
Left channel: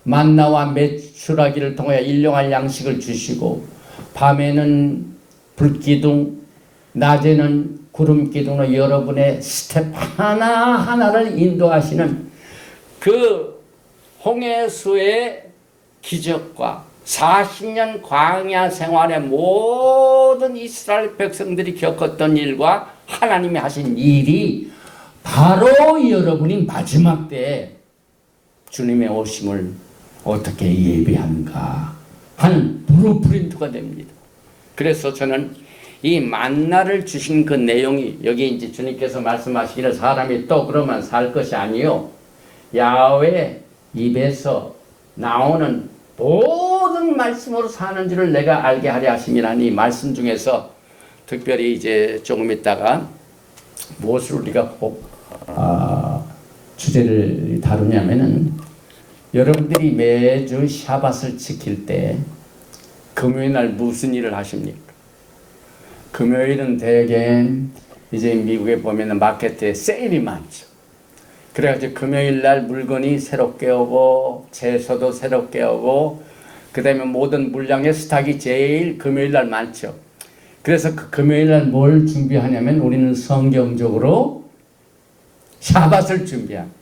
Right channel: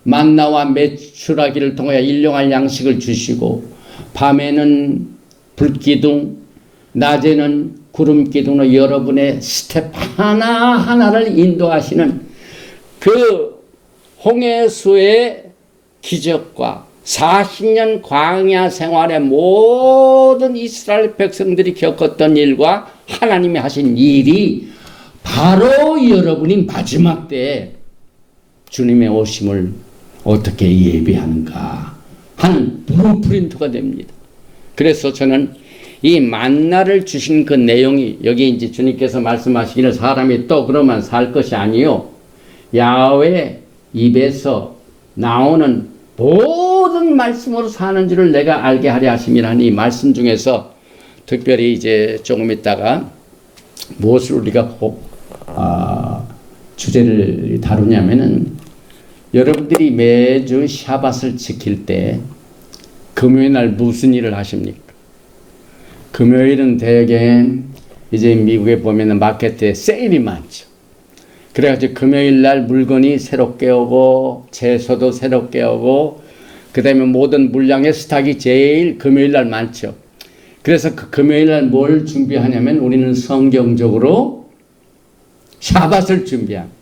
만나와 메추라기를 통하여 일용할 양식을 주시고 밤에는 불기둥 낮에는 구름기둥으로 여러분의 스텝 하나하나를 인도하시는 그 홍해수의 기적과 40년 광야 생활의 모든 이스라엘 백성들이 겪었던 일과 하나님이 하신 일이 바로 여러분이 마지막 때에 주님의 오심을 어떻게 예비하는가 하는 블루프린트가 됩니다. 그래서 저는 이 만나를 주신 그 내용이 여기 이제 주님께서 말씀하시기를 사람이 또 그러면 살 것이 아니요 야훼 입에서 나오는 모든 말씀으로 사는 줄을 내가 알게 하려 하심이라는 이 말씀 중에서 특별히 이제 조금 있다가 무엇을 우리가 주제를 다루냐면은 여러분들이 매주 샤밧을 지킬 때 금요일 날 무슨 일을 하십니까? 금요일은 대개 이제 미국에 보면은 마켓에 세일이 많죠. 그래가지고 금요일 날 물건이 새롭게 오고 채소도 새롭게 오고 그 다음에 모든 물량의 스탁이 제일 금요일 날 많죠. 그래서 그 금요일 날 뭘 준비하냐면 우리는 성경적으로 샤밧을 준비합니다.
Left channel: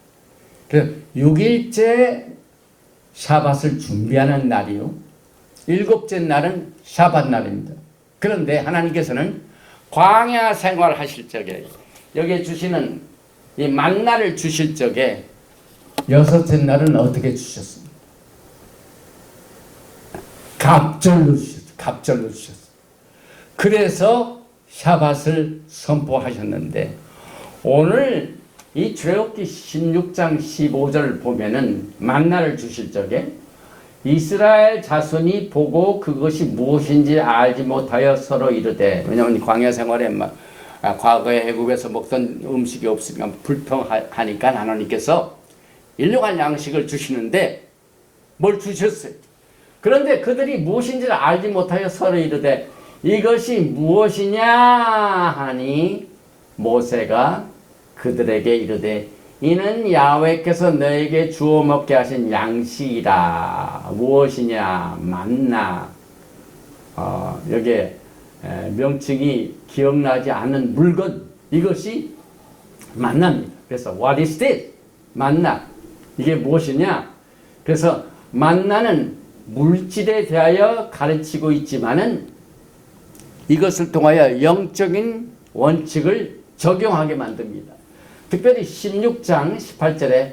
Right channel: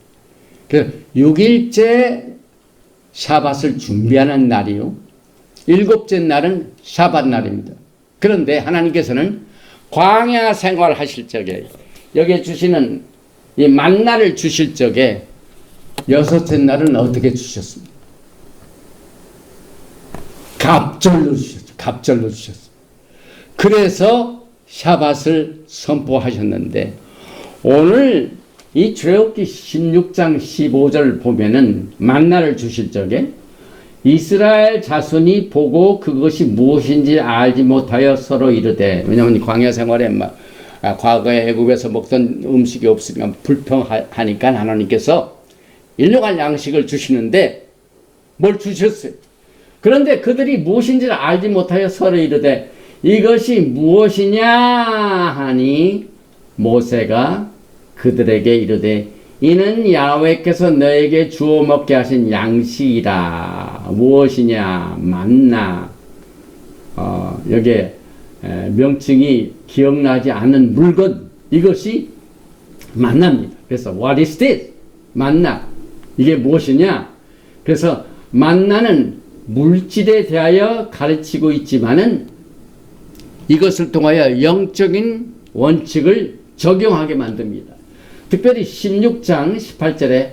그래서 6일째 샤밧을 준비하는 날이요. 7째 날은 샤밧 날입니다. 그런데 하나님께서는 광야 생활 하실 적에 여기에 주시는 이 만나를 주실 적에 6째 날은 어떻게 주셨습니까? 갑절로 주셨죠. 갑절로 주셨어요. 그래서 샤밧을 선포하셨는데 오늘 이 출애굽기 16장 15절 보면은 만나를 주실 적에 이스라엘 자손이 보고 그것이 무엇인지 알지 못하여 서로 이르되, 왜냐하면 광야 생활에 과거에 애굽에서 먹던 음식이 없으니까 불평하니까 하나님께서 일용할 양식을 주시는데 뭘 주셨어요. 그런데 그들이 무엇인지를 알지 못하여 서로 이르되 이것이 무엇이냐 하니 모세가 그들에게 이르되 이는 야훼께서 너에게 주어 먹게 하신 양식이라. 무엇이냐? 만나. 여기에 명칭이 기억나지 않는 물건, 이것이 만나입니다. 그래서 what is this? 만나. 이게 무엇이냐? 그래서 만나는 물질에 대하여 가르치고 있지만은 이것을 통하여 영적인 원칙을 적용하게 만듭니다. 특별히 16장 18절에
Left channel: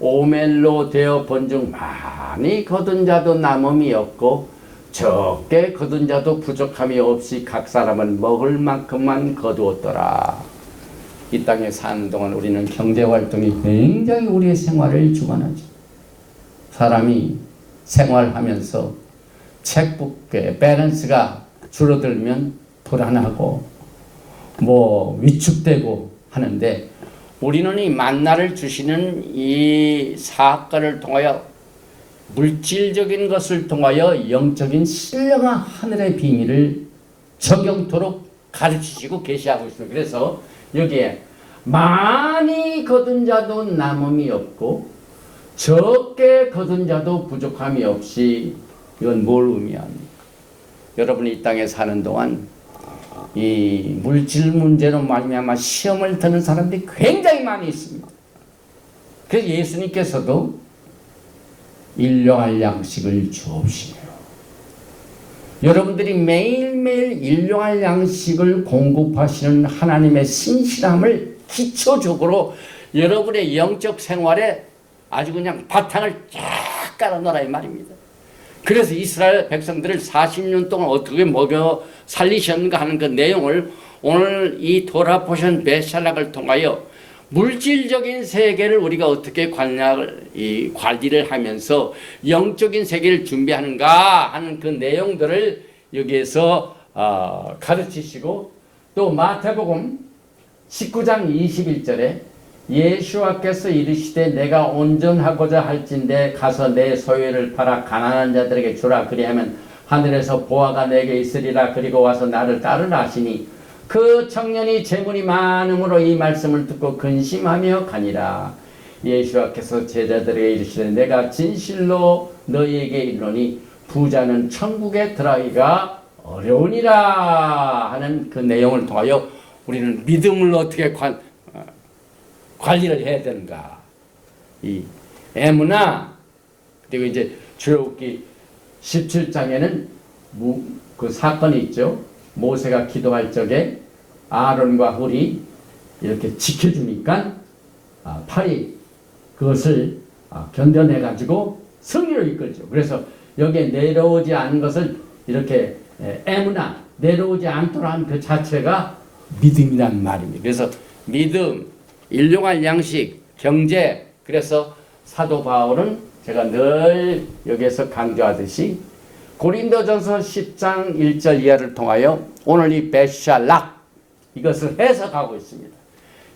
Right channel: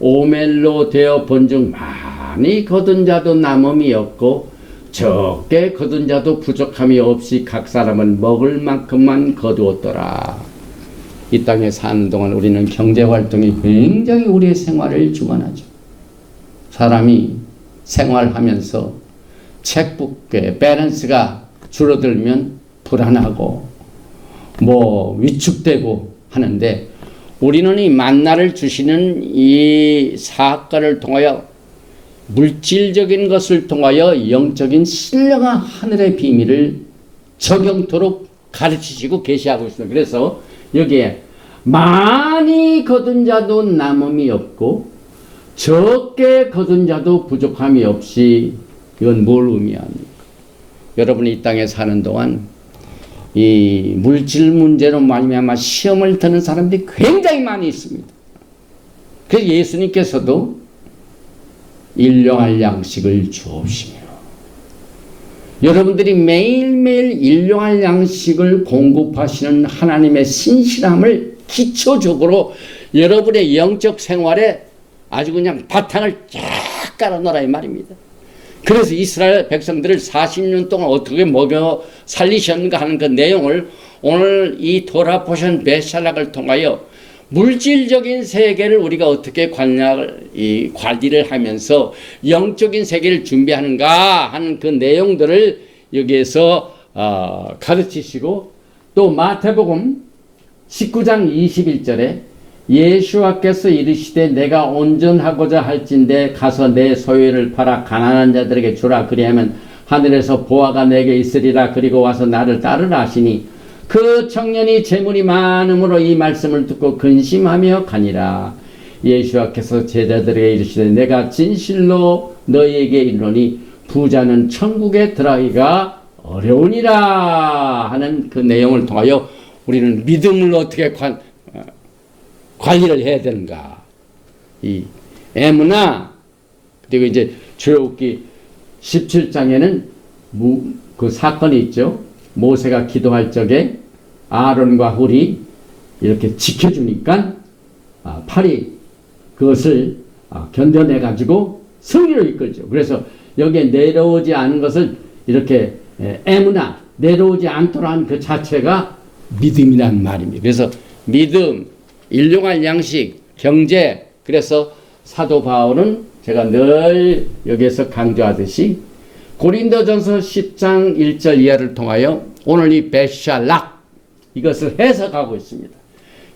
오멜로 되어 본중 많이 거둔 자도 남음이 없고 적게 거둔 자도 부족함이 없이 각 사람은 먹을 만큼만 거두었더라. 이 땅에 사는 동안 우리는 경제활동이 굉장히 우리의 생활을 주관하죠. 사람이 생활하면서 책북의 밸런스가 줄어들면 불안하고 위축되고 하는데 우리는 이 만나를 주시는 이 사건을 통하여 물질적인 것을 통하여 영적인 신령한 하늘의 비밀을 적용토록 가르치시고 계시하고 있습니다. 그래서 여기에 많이 거둔 자도 남음이 없고 적게 거둔 자도 부족함이 없이, 이건 뭘 의미합니까? 여러분이 이 땅에 사는 동안 이 물질 문제로 말미암아 시험을 드는 사람들이 굉장히 많이 있습니다. 그래서 예수님께서도 일용할 양식을 주옵시며 여러분들이 매일매일 일용할 양식을 공급하시는 하나님의 신실함을 기초적으로 여러분의 영적 생활에 아주 그냥 바탕을 쫙 깔아놓으라 이 말입니다. 그래서 이스라엘 백성들을 40년 동안 어떻게 먹여 살리셨는가 하는 그 내용을 오늘 이 토라 포션 베샬락을 통하여 물질적인 세계를 우리가 어떻게 관리를 하면서 영적인 세계를 준비하는가 하는 그 내용들을 여기에서 가르치시고, 또 마태복음 19장 21절에 예수와께서 이르시되 내가 온전하고자 할진대 가서 내 소유를 팔아 가난한 자들에게 주라. 그리하면 하늘에서 보화가 내게 있으리라. 그리고 와서 나를 따르라 하시니 그 청년이 재물이 많음으로 이 말씀을 듣고 근심하며 가니라. 예수와께서 제자들에게 이르시되 내가 진실로 너희에게 이르노니 부자는 천국에 들어가기가 어려우니라 하는 그 내용을 통하여 우리는 믿음을 어떻게 관리를 해야 되는가. 이 에무나, 그리고 이제 출애굽기 17장에는 그 사건이 있죠. 모세가 기도할 적에 아론과 훌이 이렇게 지켜주니까 팔이 그것을 견뎌내 가지고 승리로 이끌죠. 그래서 여기에 내려오지 않은 것을 이렇게 에무나, 내려오지 않도록 하는 그 자체가 믿음이란 말입니다. 그래서 믿음, 일용할 양식, 경제. 그래서 사도 바울은 제가 늘 여기에서 강조하듯이 고린도전서 10장 1절 이하를 통하여 오늘 이 베샬락 이것을 해석하고 있습니다.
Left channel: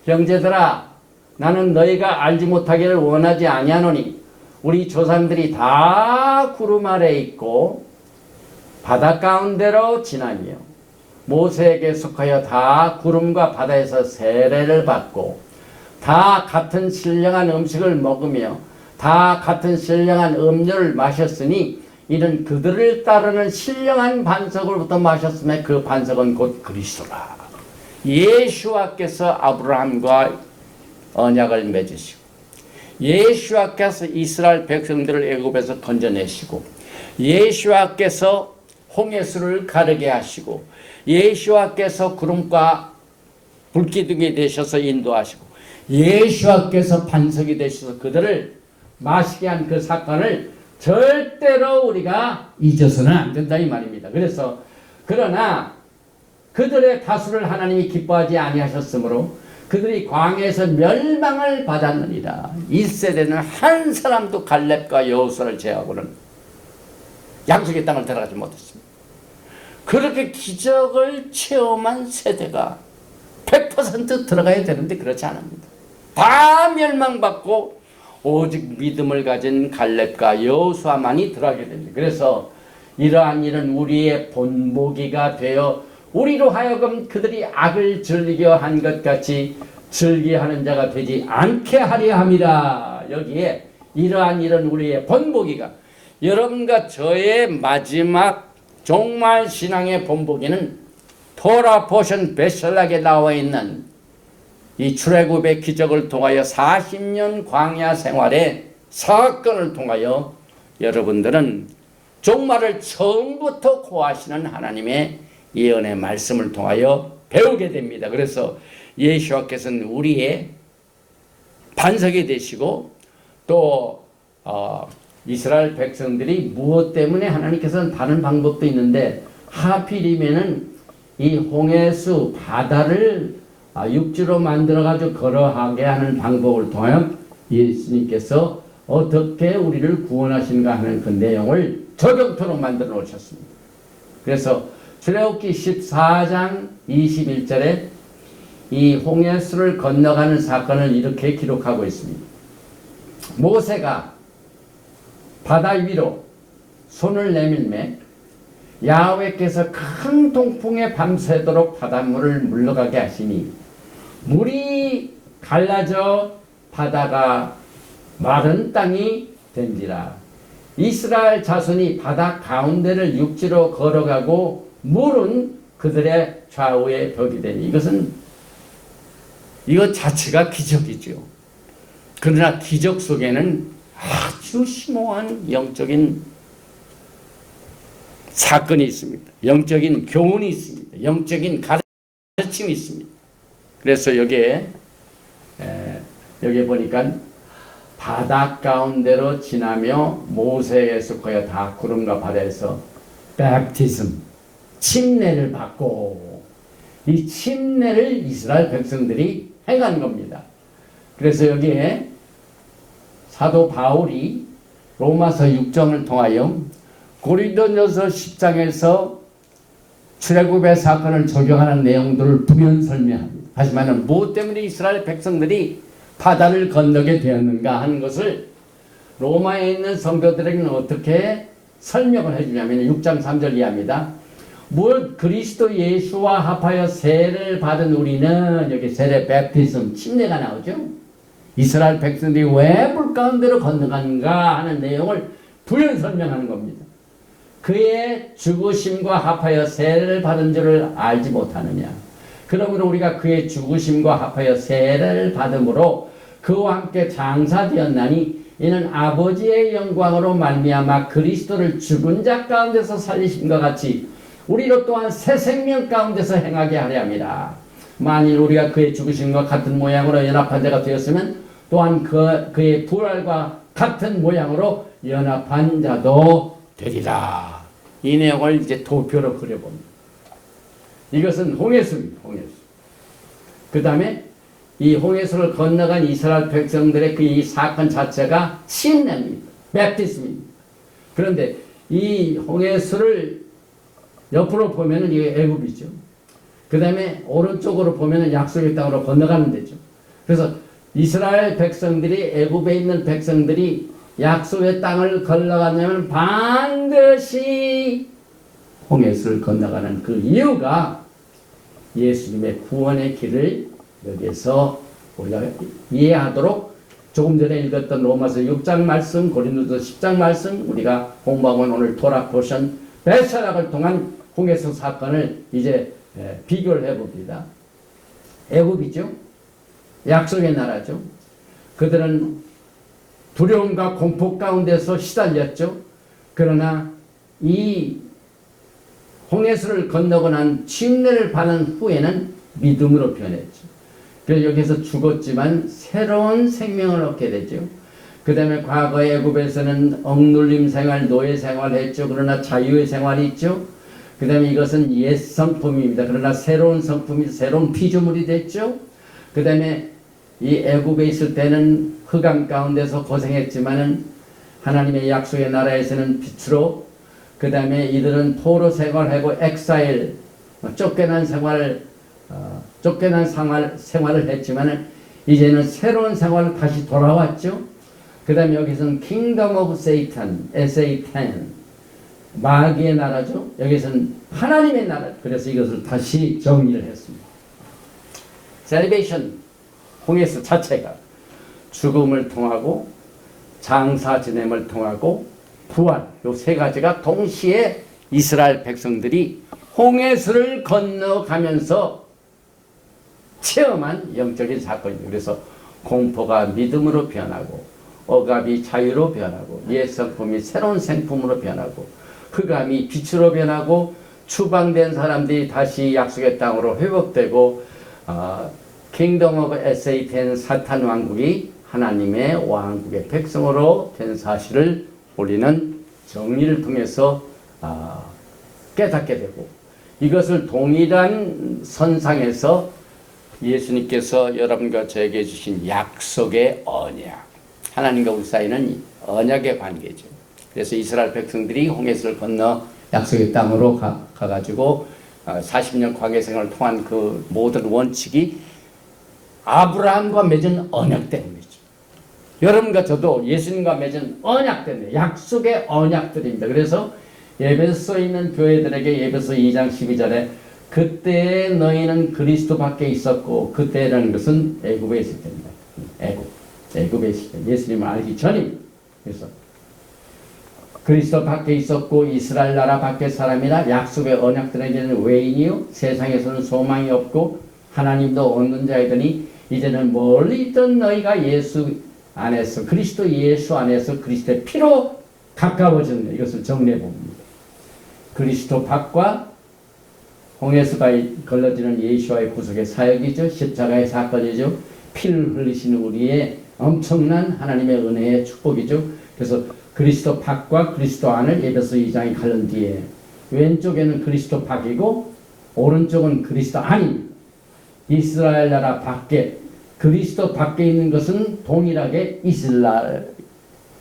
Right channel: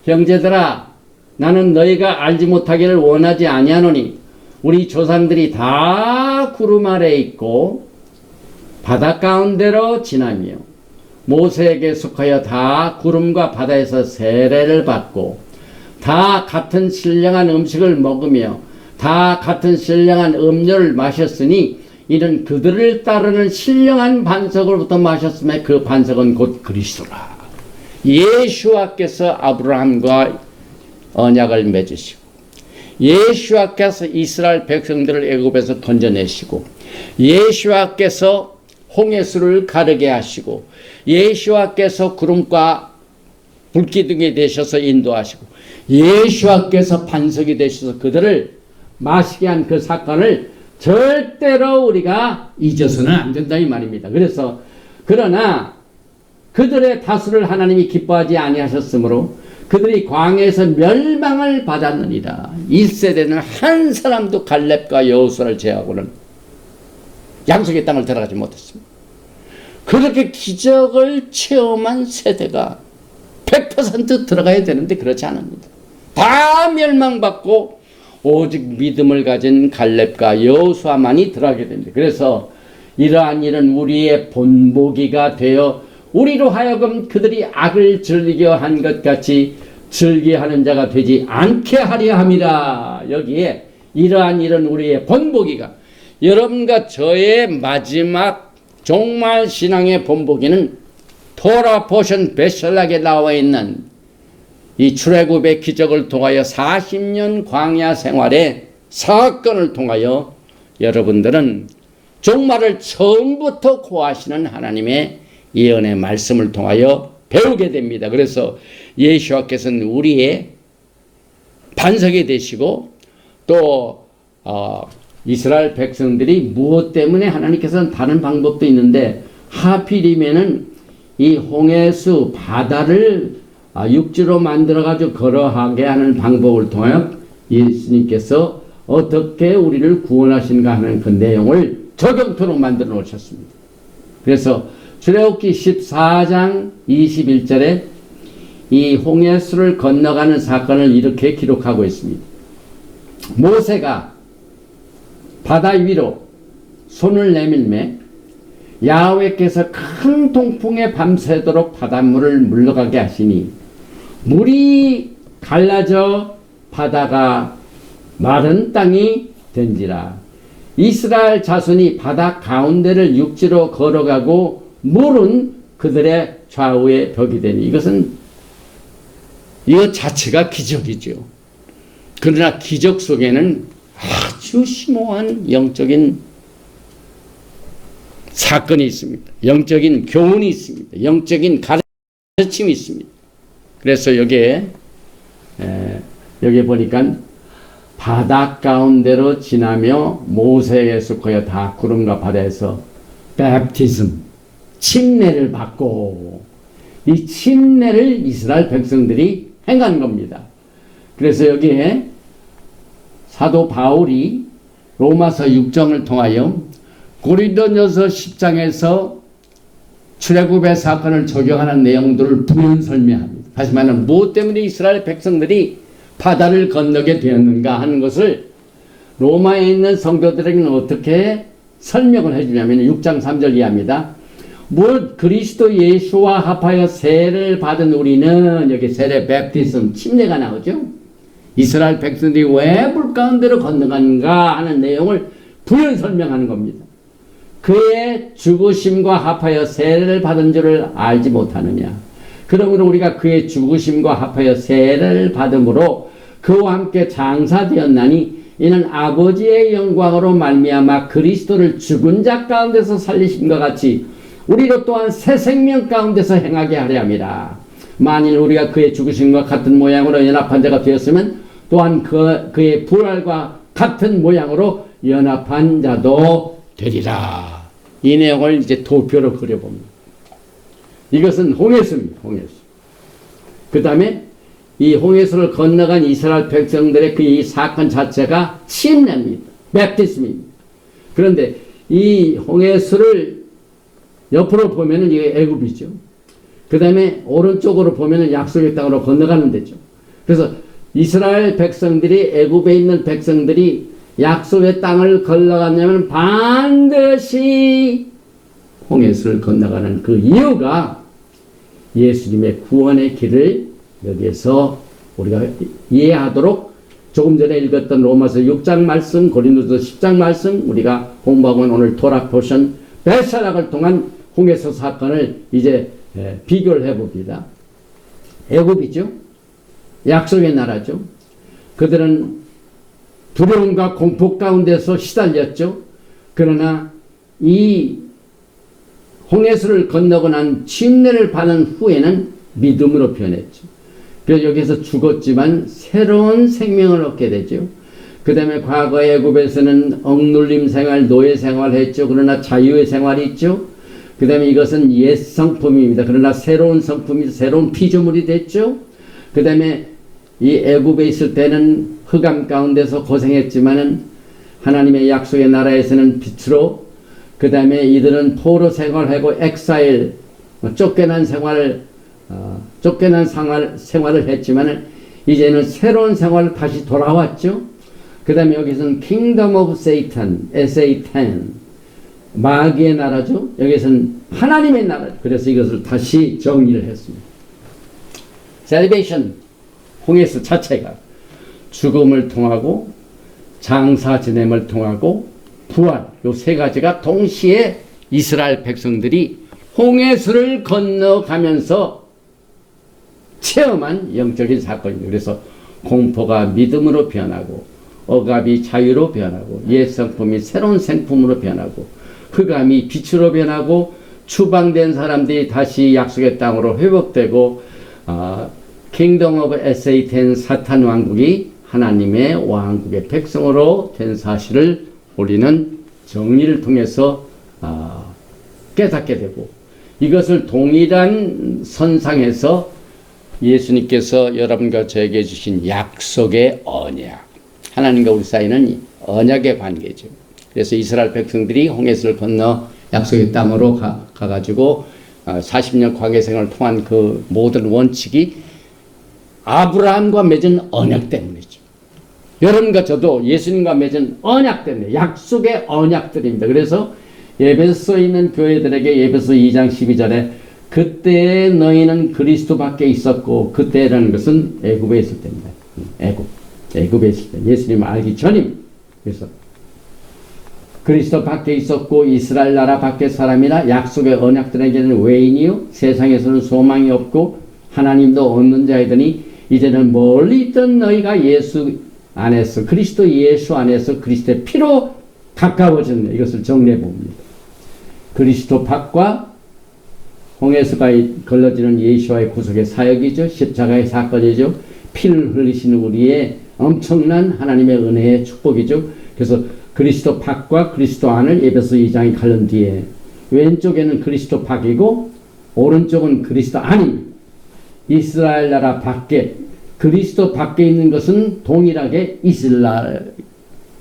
형제들아, 나는 너희가 알지 못하기를 원하지 아니하노니 우리 조상들이 다 구름 아래에 있고 바다 가운데로 지나며 모세에게 속하여 다 구름과 바다에서 세례를 받고 다 같은 신령한 음식을 먹으며 다 같은 신령한 음료를 마셨으니 이는 그들을 따르는 신령한 반석으로부터 마셨음에 그 반석은 곧 그리스도라. 예수와께서 아브라함과 언약을 맺으시고 예수와께서 이스라엘 백성들을 애굽에서 건져내시고 예수와께서 홍해수를 가르게 하시고 예수와께서 구름과 불기둥이 되셔서 인도하시고 예수와께서 반석이 되셔서 그들을 마시게 한 그 사건을 절대로 우리가 잊어서는 안 된다 이 말입니다. 그래서 그러나 그들의 다수를 하나님이 기뻐하지 아니하셨으므로 그들이 광야에서 멸망을 받았느니라. 1세대는 한 사람도 갈렙과 여호수아를 제하고는 양속의 땅을 들어가지 못했습니다. 그렇게 기적을 체험한 세대가 100% 들어가야 되는데 그렇지 않습니다. 다 멸망받고 오직 믿음을 가진 갈렙과 여호수아만이 들어가게 됩니다. 그래서 이러한 일은 우리의 본보기가 되어 우리로 하여금 그들이 악을 즐겨 한 것 같이 즐겨하는 자가 되지 않게 하려 함이라. 여기에 이러한 일은 우리의 본보기가, 여러분과 저의 마지막 종말 신앙의 본보기는 토라 포션 베샬락에 나와 있는 이 출애굽의 기적을 통하여 40년 광야 생활의 사건을 통하여 여러분들은 종말을 처음부터 고하시는 하나님의 예언의 말씀을 통하여 배우게 됩니다. 그래서 예수와께서는 우리의 반석이 되시고 또 이스라엘 백성들이 무엇 때문에 하나님께서는 다른 방법도 있는데 하필이면은 이 홍해수 바다를 육지로 만들어가지고 걸어가게 하는 방법을 통하여 예수님께서 어떻게 우리를 구원하신가 하는 그 내용을 적용토록 만들어 놓으셨습니다. 그래서 출애굽기 14장 21절에 이 홍해수를 건너가는 사건을 이렇게 기록하고 있습니다. 모세가 바다 위로 손을 내밀매 야훼께서 큰 동풍에 밤새도록 바닷물을 물러가게 하시니 물이 갈라져 바다가 마른 땅이 된지라. 이스라엘 자손이 바다 가운데를 육지로 걸어가고 물은 그들의 좌우에 벽이 되니 이것 자체가 기적이죠. 그러나 기적 속에는 아주 심오한 영적인 사건이 있습니다. 영적인 교훈이 있습니다. 영적인 가르침이 있습니다. 그래서 여기에 보니까 바다 가운데로 지나며 모세에서 거의 다 구름과 바다에서 베프티즘, 침례를 받고 이 침례를 이스라엘 백성들이 행한 겁니다. 그래서 여기에 사도 바울이 로마서 6장을 통하여 고린도전서 10장에서 출애굽의 사건을 적용하는 내용들을 부연 설명합니다. 다시 말하면 무엇 때문에 이스라엘 백성들이 바다를 건너게 되었는가 하는 것을 로마에 있는 성도들에게는 어떻게 설명을 해주냐면 6장 3절 이하입니다. 무엇 그리스도 예수와 합하여 세례를 받은 우리는, 여기 세례 베프티즘 침례가 나오죠. 이스라엘 백성들이 왜 물 가운데로 건너간가 하는 내용을 부연 설명하는 겁니다. 그의 죽으심과 합하여 세례를 받은 줄을 알지 못하느냐. 그러므로 우리가 그의 죽으심과 합하여 세례를 받음으로 그와 함께 장사되었나니 이는 아버지의 영광으로 말미암아 그리스도를 죽은 자 가운데서 살리심과 같이 우리로 또한 새 생명 가운데서 행하게 하려 함이라. 만일 우리가 그의 죽으심과 같은 모양으로 연합한 자가 되었으면 또한 그의 부활과 같은 모양으로 연합한 자도 되리라. 이 내용을 이제 도표로 그려봅니다. 이것은 홍해수입니다. 홍해수. 그 다음에 이 홍해수를 건너간 이스라엘 백성들의 그 이 사건 자체가 침례입니다. 베프티즘입니다. 그런데 이 홍해수를 옆으로 보면은 이게 애굽이죠. 그 다음에 오른쪽으로 보면은 약속의 땅으로 건너가는 데죠. 그래서 이스라엘 백성들이, 애굽에 있는 백성들이 약속의 땅을 건너가려면 반드시 홍해수를 건너가는 그 이유가 예수님의 구원의 길을 여기에서 우리가 이해하도록 조금 전에 읽었던 로마서 6장 말씀, 고린도서 10장 말씀, 우리가 공부하고 오늘 토라 포션 벳사락을 통한 홍해수 사건을 이제 비교를 해봅니다. 애굽이죠. 약속의 나라죠. 그들은 두려움과 공포 가운데서 시달렸죠. 그러나 이 홍해수를 건너고 난 침례를 받은 후에는 믿음으로 변했죠. 그래서 여기서 죽었지만 새로운 생명을 얻게 되죠. 그 다음에 과거 애굽에서는 억눌림 생활, 노예 생활을 했죠. 그러나 자유의 생활이 있죠. 그 다음에 이것은 옛 성품입니다. 그러나 새로운 성품이, 새로운 피조물이 됐죠. 그 다음에 이 애굽에 있을 때는 흑암 가운데서 고생했지만은 하나님의 약속의 나라에서는 빛으로, 그 다음에 이들은 포로 생활하고 엑사일, 쫓겨난 생활을 했지만은 이제는 새로운 생활을 다시 돌아왔죠. 그 다음에 여기서는 Kingdom of Satan, S-A-T-A-N, 마귀의 나라죠. 여기서는 하나님의 나라. 그래서 이것을 다시 정리를 했습니다. Salvation, 홍해수 자체가 죽음을 통하고 장사 지냄을 통하고 부활, 요 세 가지가 동시에 이스라엘 백성들이 홍해수를 건너가면서 체험한 영적인 사건입니다. 그래서 공포가 믿음으로 변하고 억압이 자유로 변하고 옛 성품이 새로운 생품으로 변하고 흑암이 빛으로 변하고 추방된 사람들이 다시 약속의 땅으로 회복되고 킹덤 오브 에세이텐 사탄 왕국이 하나님의 왕국의 백성으로 된 사실을 우리는 정리를 통해서 깨닫게 되고, 이것을 동일한 선상에서 예수님께서 여러분과 저에게 주신 약속의 언약, 하나님과 우리 사이는 언약의 관계죠. 그래서 이스라엘 백성들이 홍해수를 건너 약속의 땅으로 가가지고 40년 광야 생활을 통한 그 모든 원칙이 아브라함과 맺은 언약 때문이죠. 여러분과 저도 예수님과 맺은 언약 때문에, 약속의 언약들입니다. 그래서 에베소에 있는 교회들에게 에베소 2장 12절에 그때 너희는 그리스도 밖에 있었고, 그때라는 것은 애굽에 있을 때입니다. 애굽에 있을 때, 예수님을 알기 전입니다. 그래서 그리스도 밖에 있었고 이스라엘 나라 밖의 사람이라 약속의 언약들에게는 외인이요 세상에서는 소망이 없고 하나님도 없는 자이더니 이제는 멀리 있던 너희가 예수 안에서, 그리스도 예수 안에서 그리스도의 피로 가까워졌네. 이것을 정리해 봅니다. 그리스도 밖과 홍해수가 걸러지는 예수와의 구속의 사역이죠. 십자가의 사건이죠. 피를 흘리시는 우리의 엄청난 하나님의 은혜의 축복이죠. 그래서 그리스도 밖과 그리스도 안을 에베소 2장이 가른 뒤에 왼쪽에는 그리스도 밖이고 오른쪽은 그리스도 안입니다. 이스라엘 나라 밖에, 그리스도 밖에 있는 것은 동일하게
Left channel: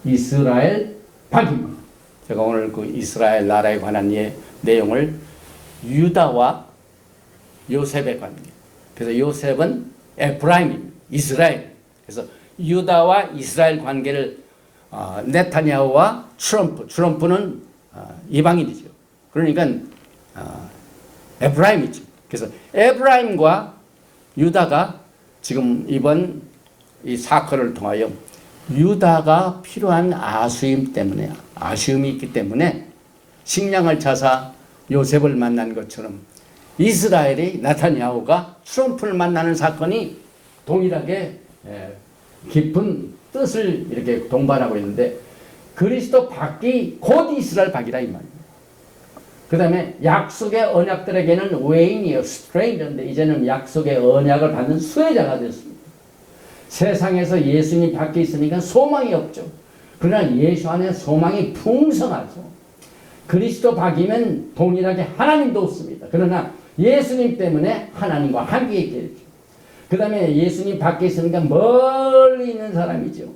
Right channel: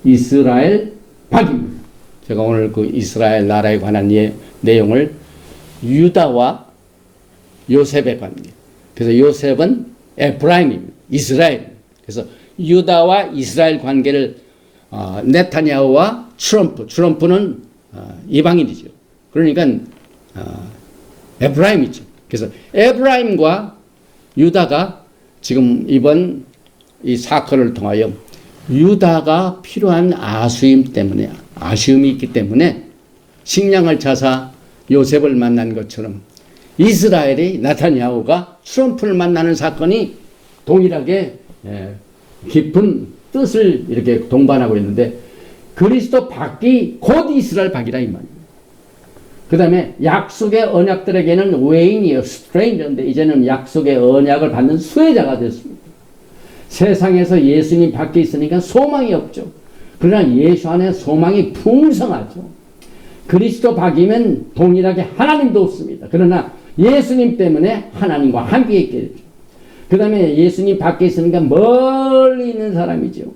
이스라엘 밖입니다. 제가 오늘 그 이스라엘 나라에 관한 내용을 유다와 요셉의 관계. 그래서 요셉은 에프라임입니다. 이스라엘. 그래서 유다와 이스라엘 관계를 네타냐후와 트럼프는 이방인이죠. 그러니까 에프라임이죠. 그래서 에프라임과 유다가 지금 이번 이 사건을 통하여 유다가 필요한 아쉬움이 있기 때문에 식량을 찾아 요셉을 만난 것처럼 이스라엘이 나타냐후가 트럼프를 만나는 사건이 동일하게 깊은 뜻을 이렇게 동반하고 있는데 그리스도 밖이 곧 이스라엘 밖이라 이 말입니다. 그 다음에 약속의 언약들에게는 외인이요, 스트레인저인데 이제는 약속의 언약을 받는 수혜자가 됐습니다. 세상에서 예수님 밖에 있으니까 소망이 없죠. 그러나 예수 안에 소망이 풍성하죠. 그리스도 밖이면 동일하게 하나님도 없습니다. 그러나 예수님 때문에 하나님과 함께 있게 되죠. 그 다음에 예수님 밖에 있으니까 멀리 있는 사람이죠.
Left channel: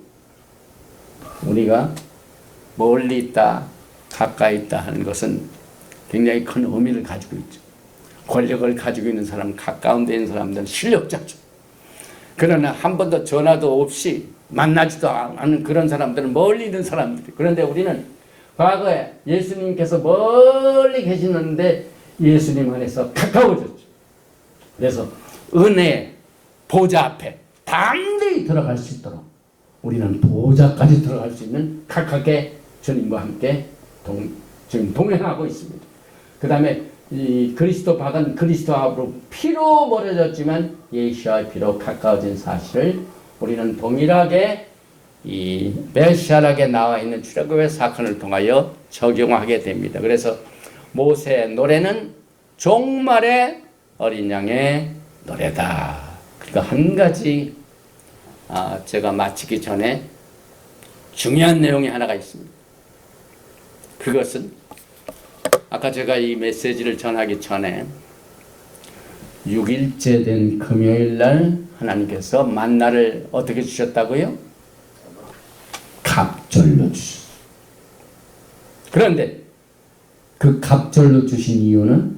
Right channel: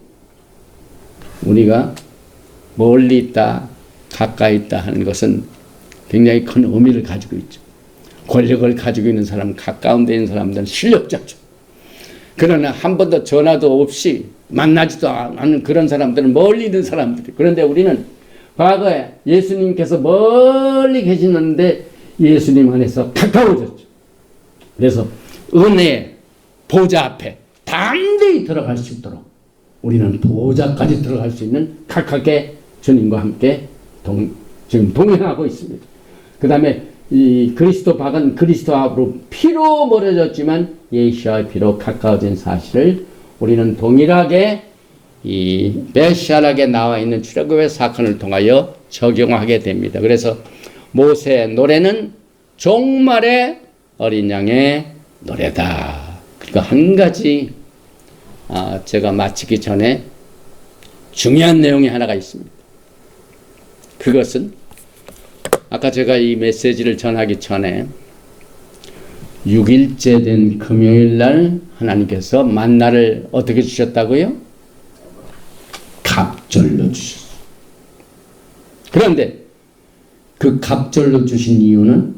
우리가 멀리 있다, 가까이 있다 하는 것은 굉장히 큰 의미를 가지고 있죠. 권력을 가지고 있는 사람, 가까운 데 있는 사람들은 실력자죠. 그러나 한 번도 전화도 없이 만나지도 않은 그런 사람들은 멀리 있는 사람들이. 그런데 우리는 과거에 예수님께서 멀리 계시는데 예수님 안에서 가까워졌죠. 그래서 은혜의 보좌 앞에 담대히 들어갈 수 있도록 우리는 보좌까지 들어갈 수 있는 각각의 주님과 함께 지금 동행하고 있습니다. 그 다음에 이 그리스도 밖은 그리스도 앞으로 피로 멀어졌지만 예수와의 피로 가까워진 사실을 우리는 동일하게 이 메시아락에 나와 있는 출애굽의 사건을 통하여 적용하게 됩니다. 그래서 모세의 노래는 종말의 어린 양의 노래다. 그러니까 한 가지 제가 마치기 전에 중요한 내용이 하나가 있습니다. 그것은 아까 제가 이 메시지를 전하기 전에 6일째 된 금요일 날 하나님께서 만나를 어떻게 주셨다고요? 갑절로 주셨어요. 그런데 그 갑절로 주신 이유는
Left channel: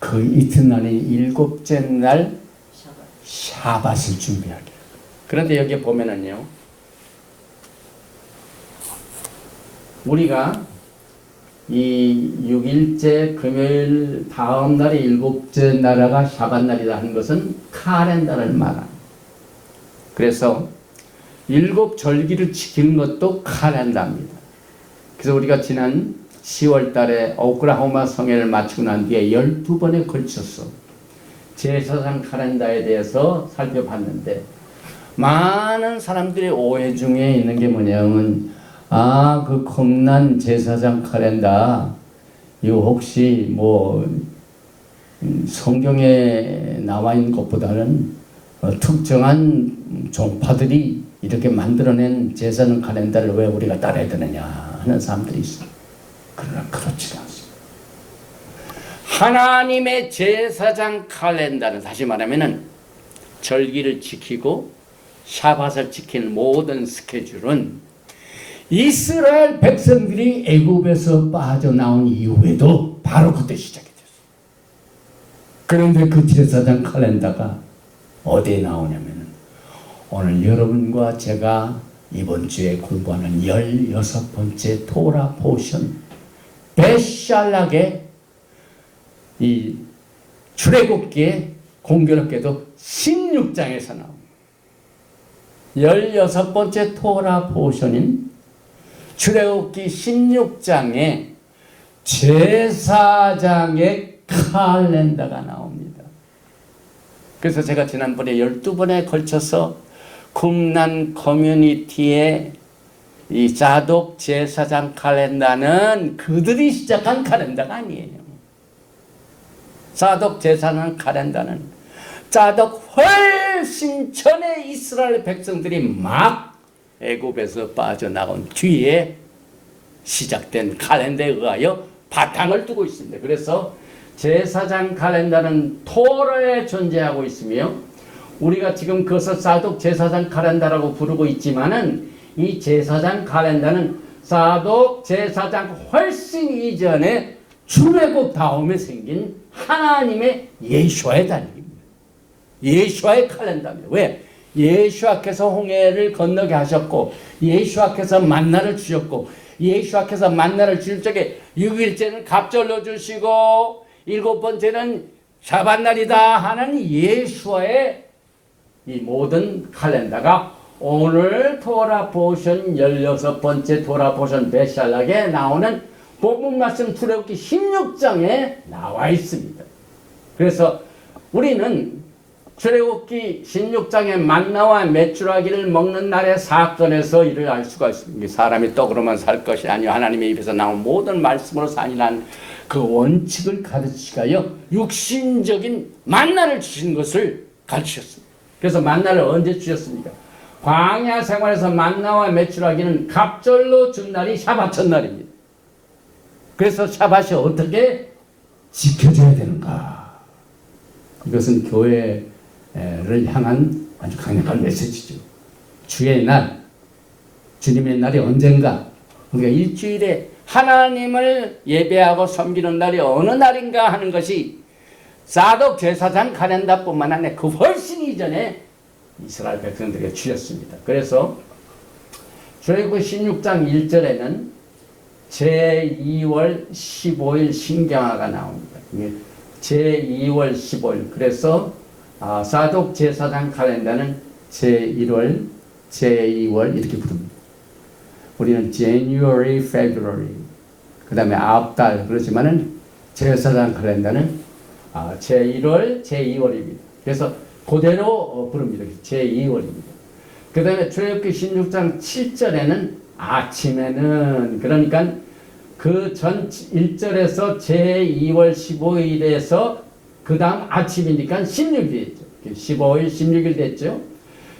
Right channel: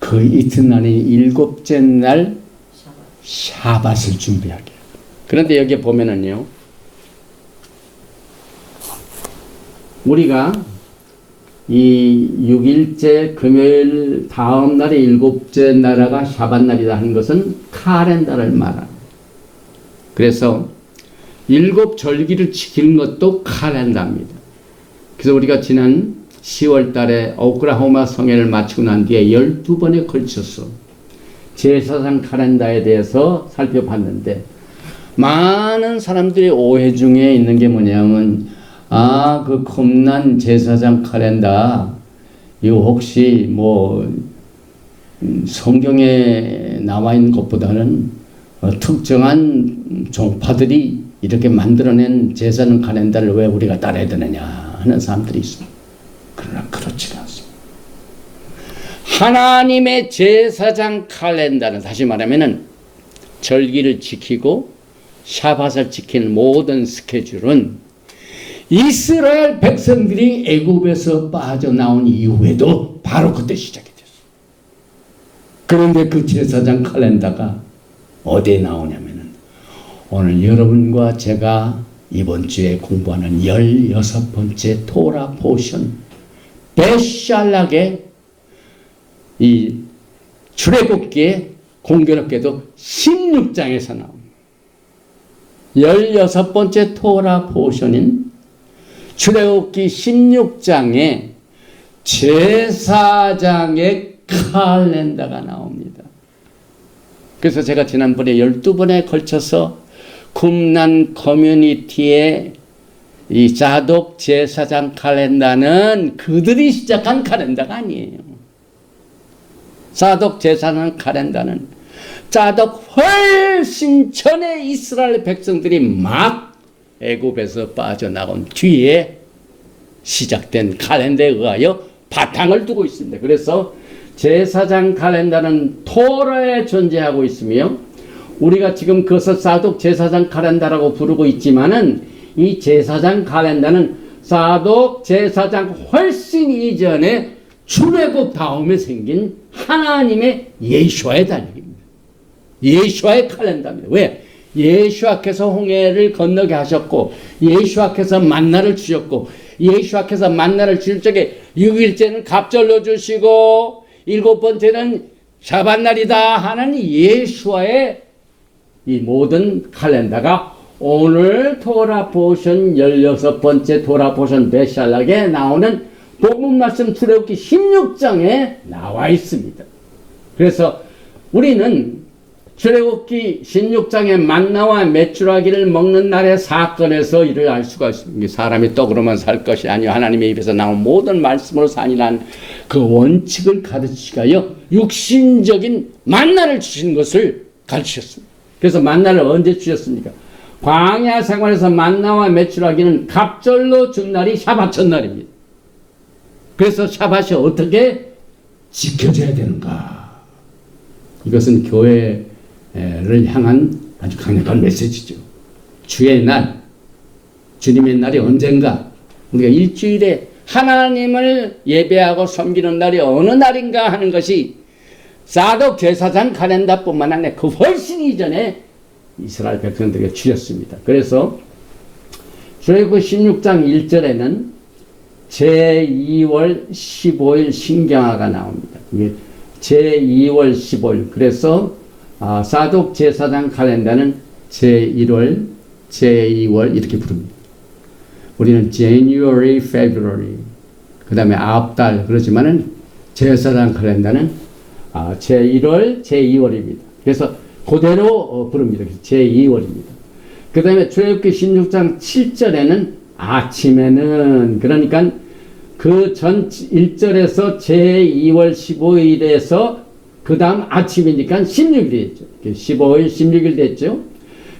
그 이튿날인 일곱째 날 샤밧을 준비하게. 그런데 여기 보면은요, 우리가 이 6일째 금요일 다음 날의 일곱째 나라가 샤밧 날이다 하는 것은 칼렌더를 말합니다. 그래서 일곱 절기를 지키는 것도 칼렌더입니다. 그래서 우리가 지난 10월 달에 오클라호마 성회를 마치고 난 뒤에 12번에 걸쳐서 제사상 칼렌더에 대해서 살펴봤는데 많은 사람들이 오해 중에 있는 게 뭐냐면 그 겁난 제사장 칼렌더 이거 혹시 뭐 성경에 나와 있는 것보다는 특정한 종파들이 이렇게 만들어낸 제사장 칼렌더를 왜 우리가 따라야 되느냐 하는 사람들이 있습니다. 그러나 그렇지가 않습니다. 하나님의 제사장 칼렌더는 다시 말하면은 절기를 지키고 샤밧을 지키는 모든 스케줄은 이스라엘 백성들이 애굽에서 빠져나온 이후에도 바로 그때 시작이 됐어요. 그런데 그 제사장 칼렌더가 어디에 나오냐면은 오늘 여러분과 제가 이번 주에 공부하는 16번째 토라 포션 베샬락의 이 출애굽기에 공교롭게도 16장에서 나옵니다. 16번째 토라 포션인 출애굽기 16장에 제사장의 칼렌더가 나옵니다. 그래서 제가 지난번에 12번에 걸쳐서 쿰란 커뮤니티의 이 자독 제사장 칼렌더는 그들이 시작한 칼렌더가 아니에요. 자독 제사장 칼렌더는 자독 훨씬 전에 이스라엘 백성들이 막 애굽에서 빠져나온 뒤에 시작된 칼렌더에 의하여 바탕을 두고 있습니다. 그래서 제사장 칼렌더는 토라에 존재하고 있으며 우리가 지금 그것을 사독 제사장 칼렌더라고 부르고 있지만은 이 제사장 칼렌더는 사독 제사장 훨씬 이전에 출애굽 다음에 생긴 하나님의 예수와의 달력입니다. 예수와의 칼렌더입니다. 왜? 예수와께서 홍해를 건너게 하셨고 예수와께서 만나를 주셨고 예수와께서 만나를 주실 적에 6일째는 갑절로 주시고 7번째는 샤밧날이다 하는 예수와의 이 모든 칼렌더가 오늘 토라 포션 16번째 토라 포션 베샬락에 나오는 복음 말씀 출애굽기 16장에 나와 있습니다. 그래서 우리는 출애굽기 16장의 만나와 메추라기를 먹는 날의 사건에서 이를 알 수가 있습니다. 사람이 떡으로만 살 것이 아니요 하나님의 입에서 나온 모든 말씀으로 산이라는 그 원칙을 가르치시가요 육신적인 만나를 주신 것을 가르치셨습니다. 그래서 만나를 언제 주셨습니까? 광야 생활에서 만나와 메추라기는 갑절로 준 날이 샤밧 첫날입니다. 그래서 샤밧이 어떻게 지켜져야 되는가? 이것은 교회를 향한 아주 강력한 메시지죠. 주의 날, 주님의 날이 언젠가? 우리가 일주일에 하나님을 예배하고 섬기는 날이 어느 날인가 하는 것이 사독 제사장 칼렌더뿐만 아니라 그 훨씬 이전에 이스라엘 백성들에게 주셨습니다. 그래서 출애굽기 16장 1절에는 제2월 15일 신경화가 나옵니다. 제2월 15일. 그래서 사독 제사장 칼렌더는 제1월, 제2월 이렇게 부릅니다. 우리는 January, February 그 다음에 9달 그러지만은 제사장 칼렌더는 제1월, 제2월입니다. 그래서 그대로 부릅니다. 제2월입니다. 그 다음에 출애굽기 16장 7절에는 아침에는 그러니까 그 전 1절에서 제2월 15일에서 그 다음 아침이니까 16일 됐죠. 15일, 16일 됐죠.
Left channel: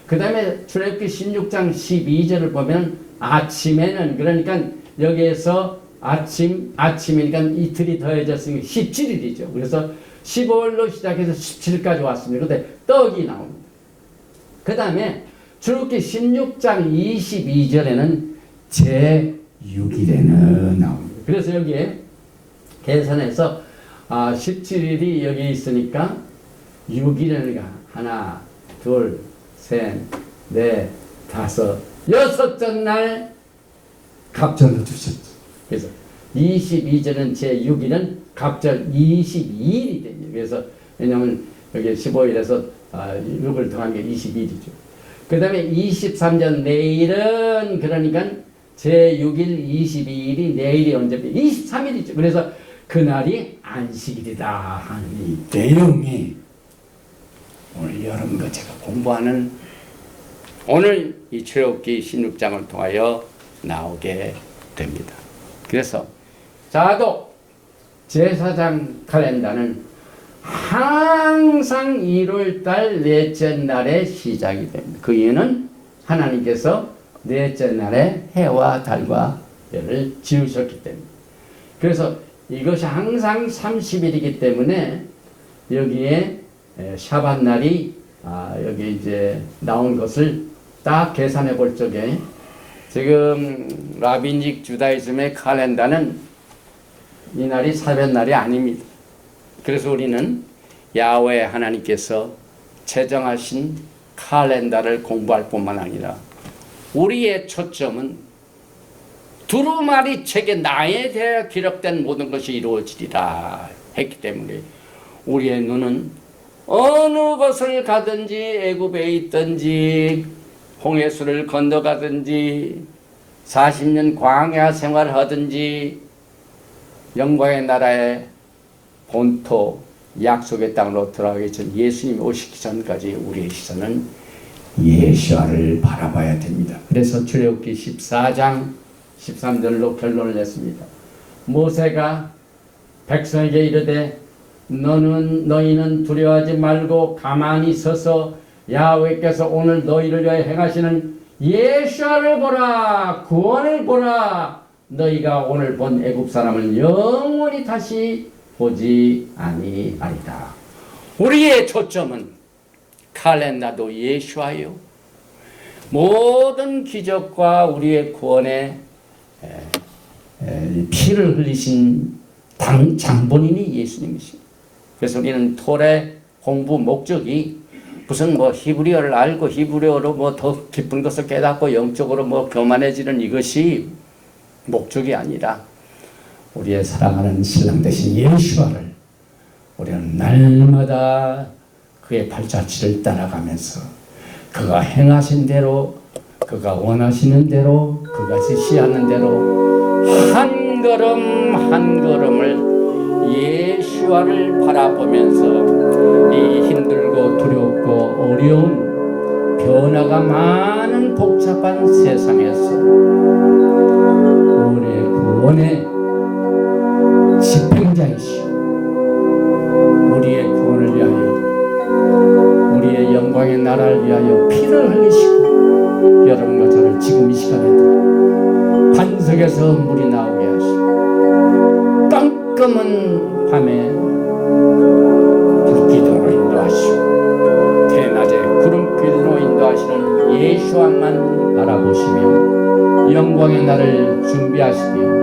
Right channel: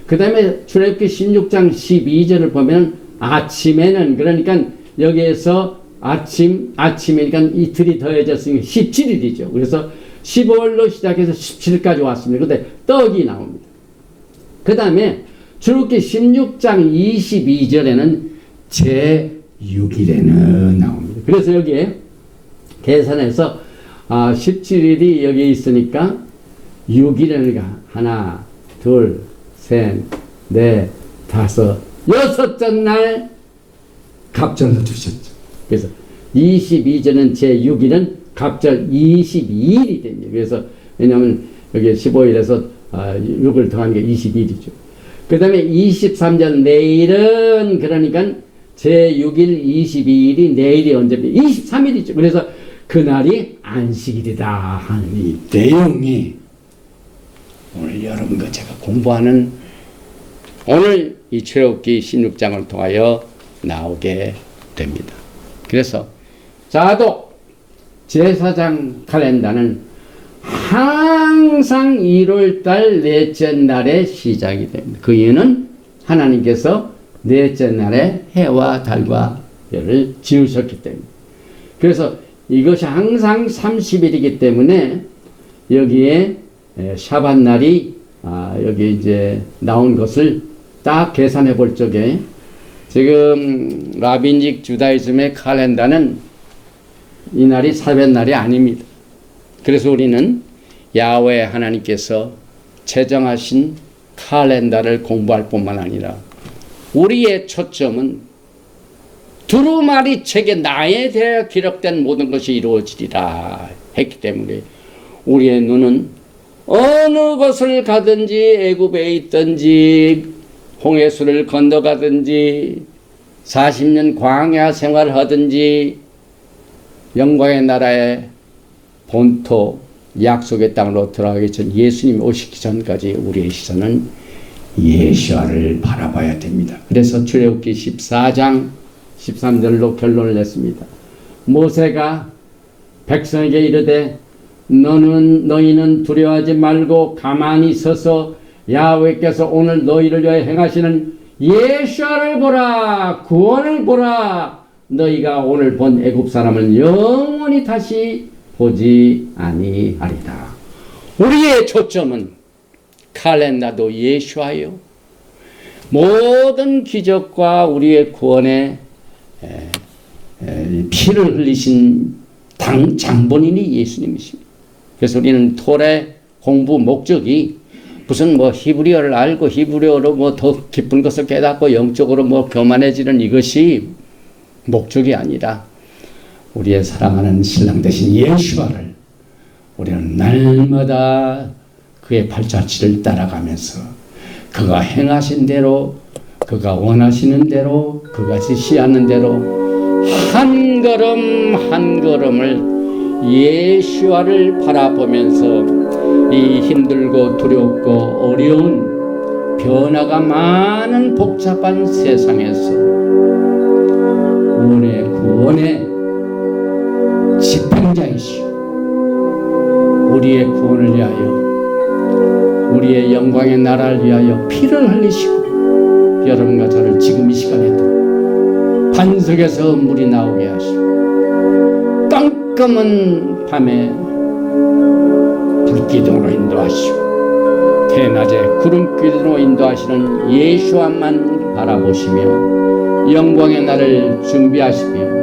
그 다음에 출애굽기 16장 12절을 보면 아침에는 그러니까 여기에서 아침이니까 이틀이 더해졌으니까 17일이죠. 그래서 15일로 시작해서 17일까지 왔습니다. 근데 떡이 나옵니다. 그 다음에 출애굽기 16장 22절에는 제6일에는 나옵니다. 그래서 여기에 계산해서 17일이 여기 있으니까 6일에는 하나, 둘, 셋, 넷, 다섯, 여섯째 날 갑절로 주셨죠. 그래서 22절은 제6일은 갑절 22일이 됩니다. 그래서 왜냐하면 여기 15일에서 6을 더한 게 22일이죠. 그 다음에 23절 내일은 그러니까 제6일 22일이 내일이 언제입니까? 23일이죠. 그래서 그날이 안식일이다 하는 이 내용이 오늘 여러분과 제가 공부하는 오늘 이 출애굽기 16장을 통하여 나오게 됩니다. 그래서 사독 제사장 칼렌더는 항상 1월달 넷째 날에 시작이 됩니다. 그 이유는 하나님께서 넷째 날에 해와 달과 별을 지으셨기 때문에. 그래서 이것이 항상 30일이기 때문에 여기에 샤밧날이 여기 이제 나온 것을 딱 계산해 볼 적에 지금 라빈직 주다이즘의 칼렌더는 이 날이 사벳날이 아닙니다. 그래서 우리는 야훼 하나님께서 제정하신 칼렌더를 공부할 뿐만 아니라 우리의 초점은 두루마리 책에 나에 대해 기록된 모든 것이 이루어지리라 했기 때문에 우리의 눈은 어느 곳을 가든지 애굽에 있든지 홍해수를 건너가든지 40년 광야 생활하든지 영광의 나라에 본토 약속의 땅으로 들어가기 전 예수님이 오시기 전까지 우리의 시선은 예수아를 바라봐야 됩니다. 그래서 출애굽기 14장 13절로 결론을 냈습니다. 모세가 백성에게 이르되 너희는 두려워하지 말고 가만히 서서 야훼께서 오늘 너희를 위하여 행하시는 예수아를 보라, 구원을 보라. 너희가 오늘 본 애굽 사람을 영원히 다시 보지 아니하리다. 우리의 초점은 칼렌다도 예수아요. 모든 기적과 우리의 구원에 피를 흘리신 장본인이 예수님이십니다. 그래서 우리는 토레 공부 목적이 무슨 히브리어를 알고 히브리어로 더 깊은 것을 깨닫고 영적으로 교만해지는 이것이 목적이 아니라 우리의 사랑하는 신랑 되신 예수와를 우리는 날마다 그의 발자취를 따라가면서 그가 행하신 대로, 그가 원하시는 대로, 그가 지시하는 대로 한 걸음 한 걸음을 예수와를 바라보면서 이 힘들고 두렵고 어려운 변화가 많은 복잡한 세상에서 우리의 구원의 집행자이시오. 우리의 구원을 위하여, 우리의 영광의 나라를 위하여 피를 흘리시고 여러분과 저를 지금 이 시간에도 반석에서 물이 나오게 하시고 깜깜한 밤에 불기둥으로 인도하시고 대낮에 구름기둥으로 인도하시는 예수와만 바라보시며 영광의 날을 준비하시며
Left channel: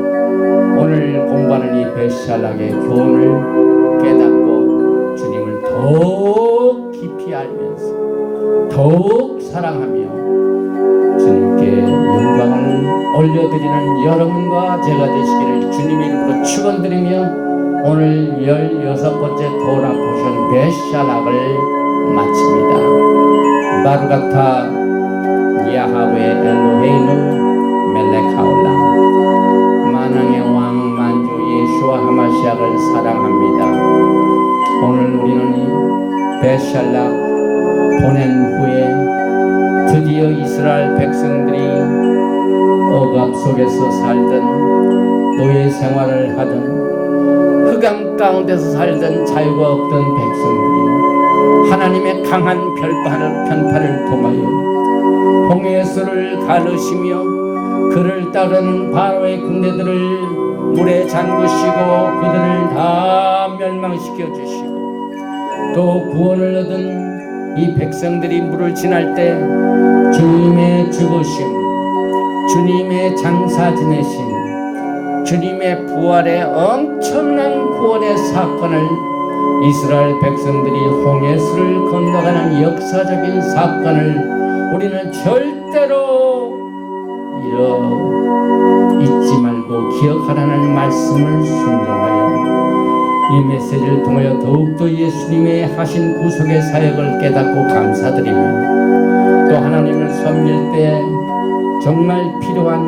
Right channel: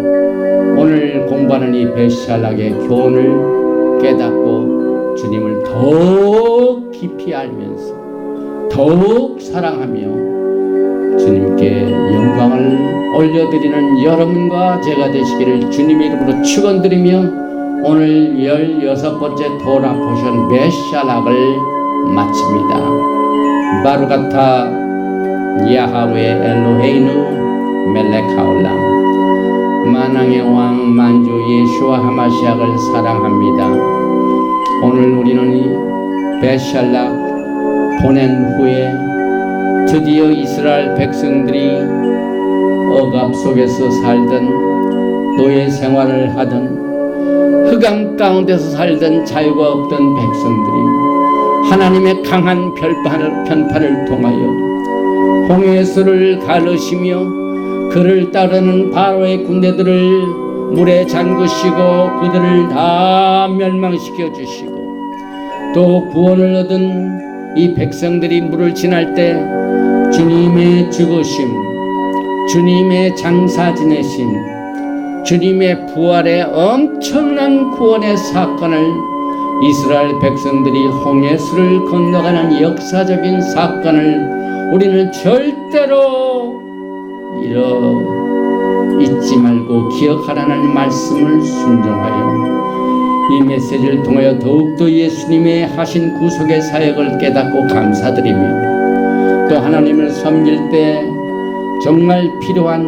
오늘 공부하는 이 베샬락의 교훈을 깨닫고 주님을 더욱 깊이 알면서 더욱 사랑하며 주님께 영광을 올려드리는 여러분과 제가 되시기를 주님의 이름으로 축원드리며 오늘 16번째 토라 포션 베샬락을 마칩니다. 바루가타 야하웨 엘로헤이누 멜렉하올람. 만왕의 왕 만주 예수와 하마시아를 사랑합니다. 오늘 우리는 이 베샬락 보낸 후에 드디어 이스라엘 백성들이 억압 속에서 살던 노예 생활을 하던 흑암 가운데서 살던 자유가 없던 백성들이 하나님의 강한 편파를 통하여 홍해수를 가르시며 그를 따르는 바로의 군대들을 물에 잠그시고 그들을 다 멸망시켜 주시고 또 구원을 얻은 이 백성들이 물을 지날 때 주님의 죽으심, 주님의 장사 지내심, 주님의 부활의 엄청난 구원의 사건을 이스라엘 백성들이 홍해수를 건너가는 역사적인 사건을 우리는 절대로 잊지 말고 기억하라는 말씀을 순종하여 이 메시지를 통하여 더욱더 예수님의 하신 구속의 사역을 깨닫고 감사드리며 또 하나님을 섬길 때 정말 필요한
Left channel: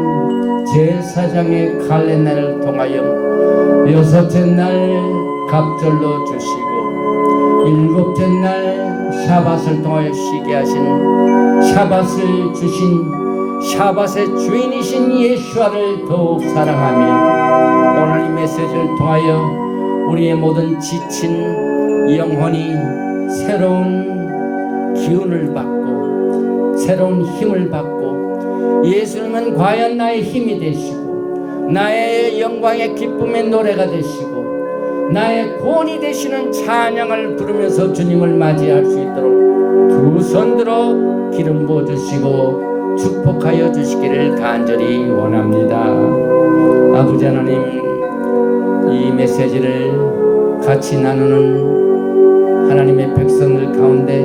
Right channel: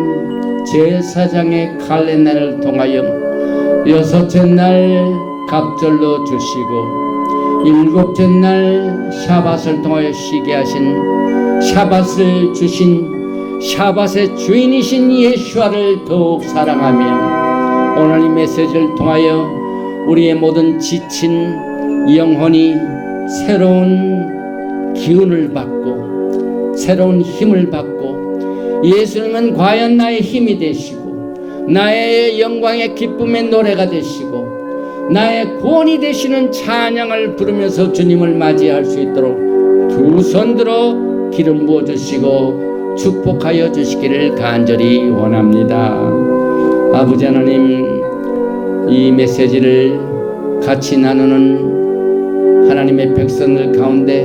제사장의 칼레날을 통하여 6째 날 갑절로 주시고 7째 날 샤밧을 통하여 쉬게 하신 샤밧을 주신 샤밧의 주인이신 예수와를 더욱 사랑하며 오늘 이 메시지를 통하여 우리의 모든 지친 영혼이 새로운 기운을 받고 새로운 힘을 받고 예수님은 과연 나의 힘이 되시고 나의 영광의 기쁨의 노래가 되시고 나의 구원이 되시는 찬양을 부르면서 주님을 맞이할 수 있도록 두 손 들어 기름 부어주시고 축복하여 주시기를 간절히 원합니다. 아버지 하나님, 이 메시지를 같이 나누는 하나님의 백성들 가운데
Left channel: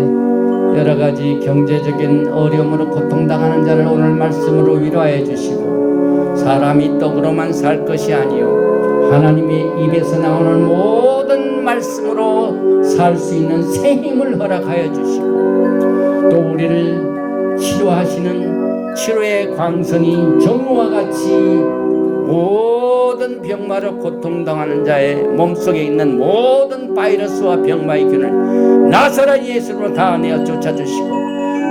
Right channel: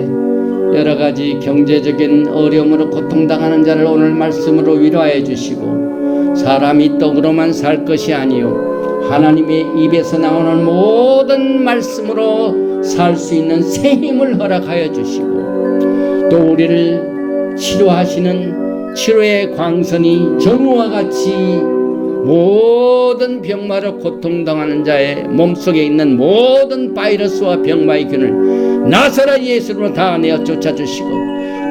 여러가지 경제적인 어려움으로 고통당하는 자를 오늘 말씀으로 위로하여 주시고 사람이 떡으로만 살 것이 아니요 하나님의 입에서 나오는 모든 말씀으로 살 수 있는 새 힘을 허락하여 주시고 또 우리를 치료하시는 치료의 광선이 정우와 같이 모든 병마로 고통당하는 자의 몸속에 있는 모든 바이러스와 병마의 균을 나사렛 예수로 다 내어 쫓아주시고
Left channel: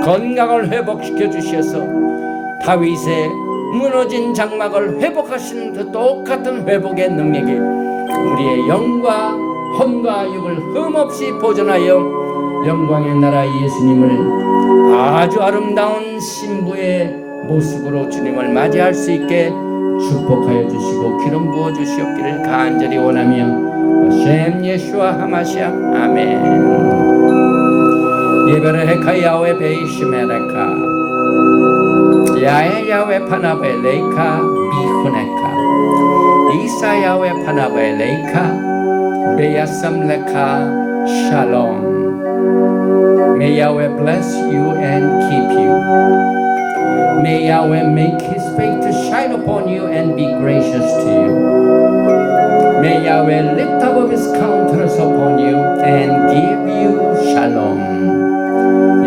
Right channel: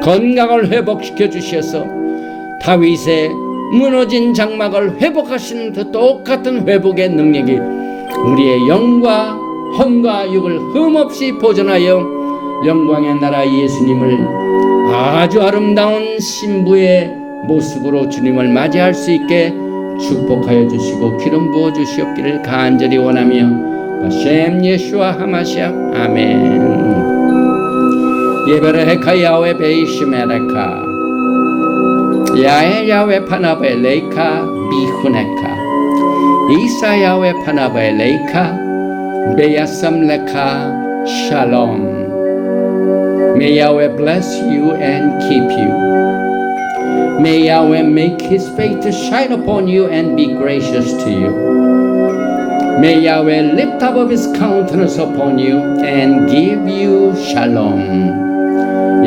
건강을 회복시켜 주셔서 다윗의 무너진 장막을 회복하시는 그 똑같은 회복의 능력이 우리의 영과 혼과 육을 흠없이 보존하여 영광의 나라 예수님을 아주 아름다운 신부의 모습으로 주님을 맞이할 수 있게 축복하여 주시고 기름 부어 주시옵기를 간절히 원하며 셴 예수와 하마시아 아멘. 예베레헤카 야훼 베이시메레카 야에 야훼 파나베 레이카 미후네카 이사 야훼 파나베 레이카 베야삼 레카 샬롬. May Yahweh bless you and keep you. May Yahweh make His face to shine upon you and be gracious to you. May Yahweh lift up His countenance upon you and give you shalom.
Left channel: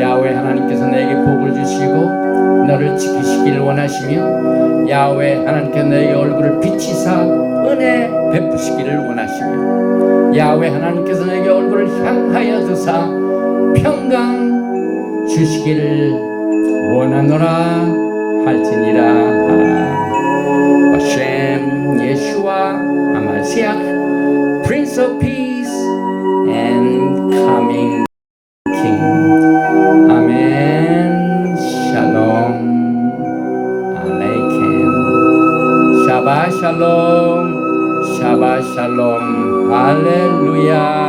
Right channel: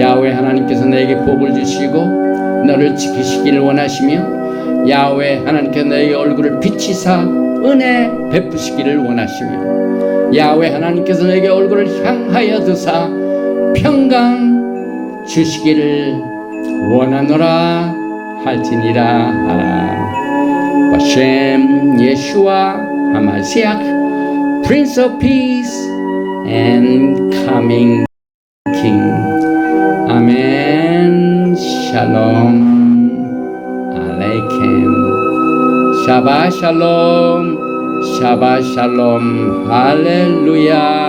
야훼 하나님께서 내게 복을 주시고 너를 지키시기를 원하시며 야훼 하나님께서 너의 얼굴을 비치사 은혜 베푸시기를 원하시며 야훼 하나님께서 너에게 얼굴을 향하여 드사 평강 주시기를 원하노라 할지니라. 바셈 예수와 하마시아 Prince of Peace and Coming King. 아멘. 샬롬 알레이켐. 샤바 샬롬 샤바 샬롬 할렐루야.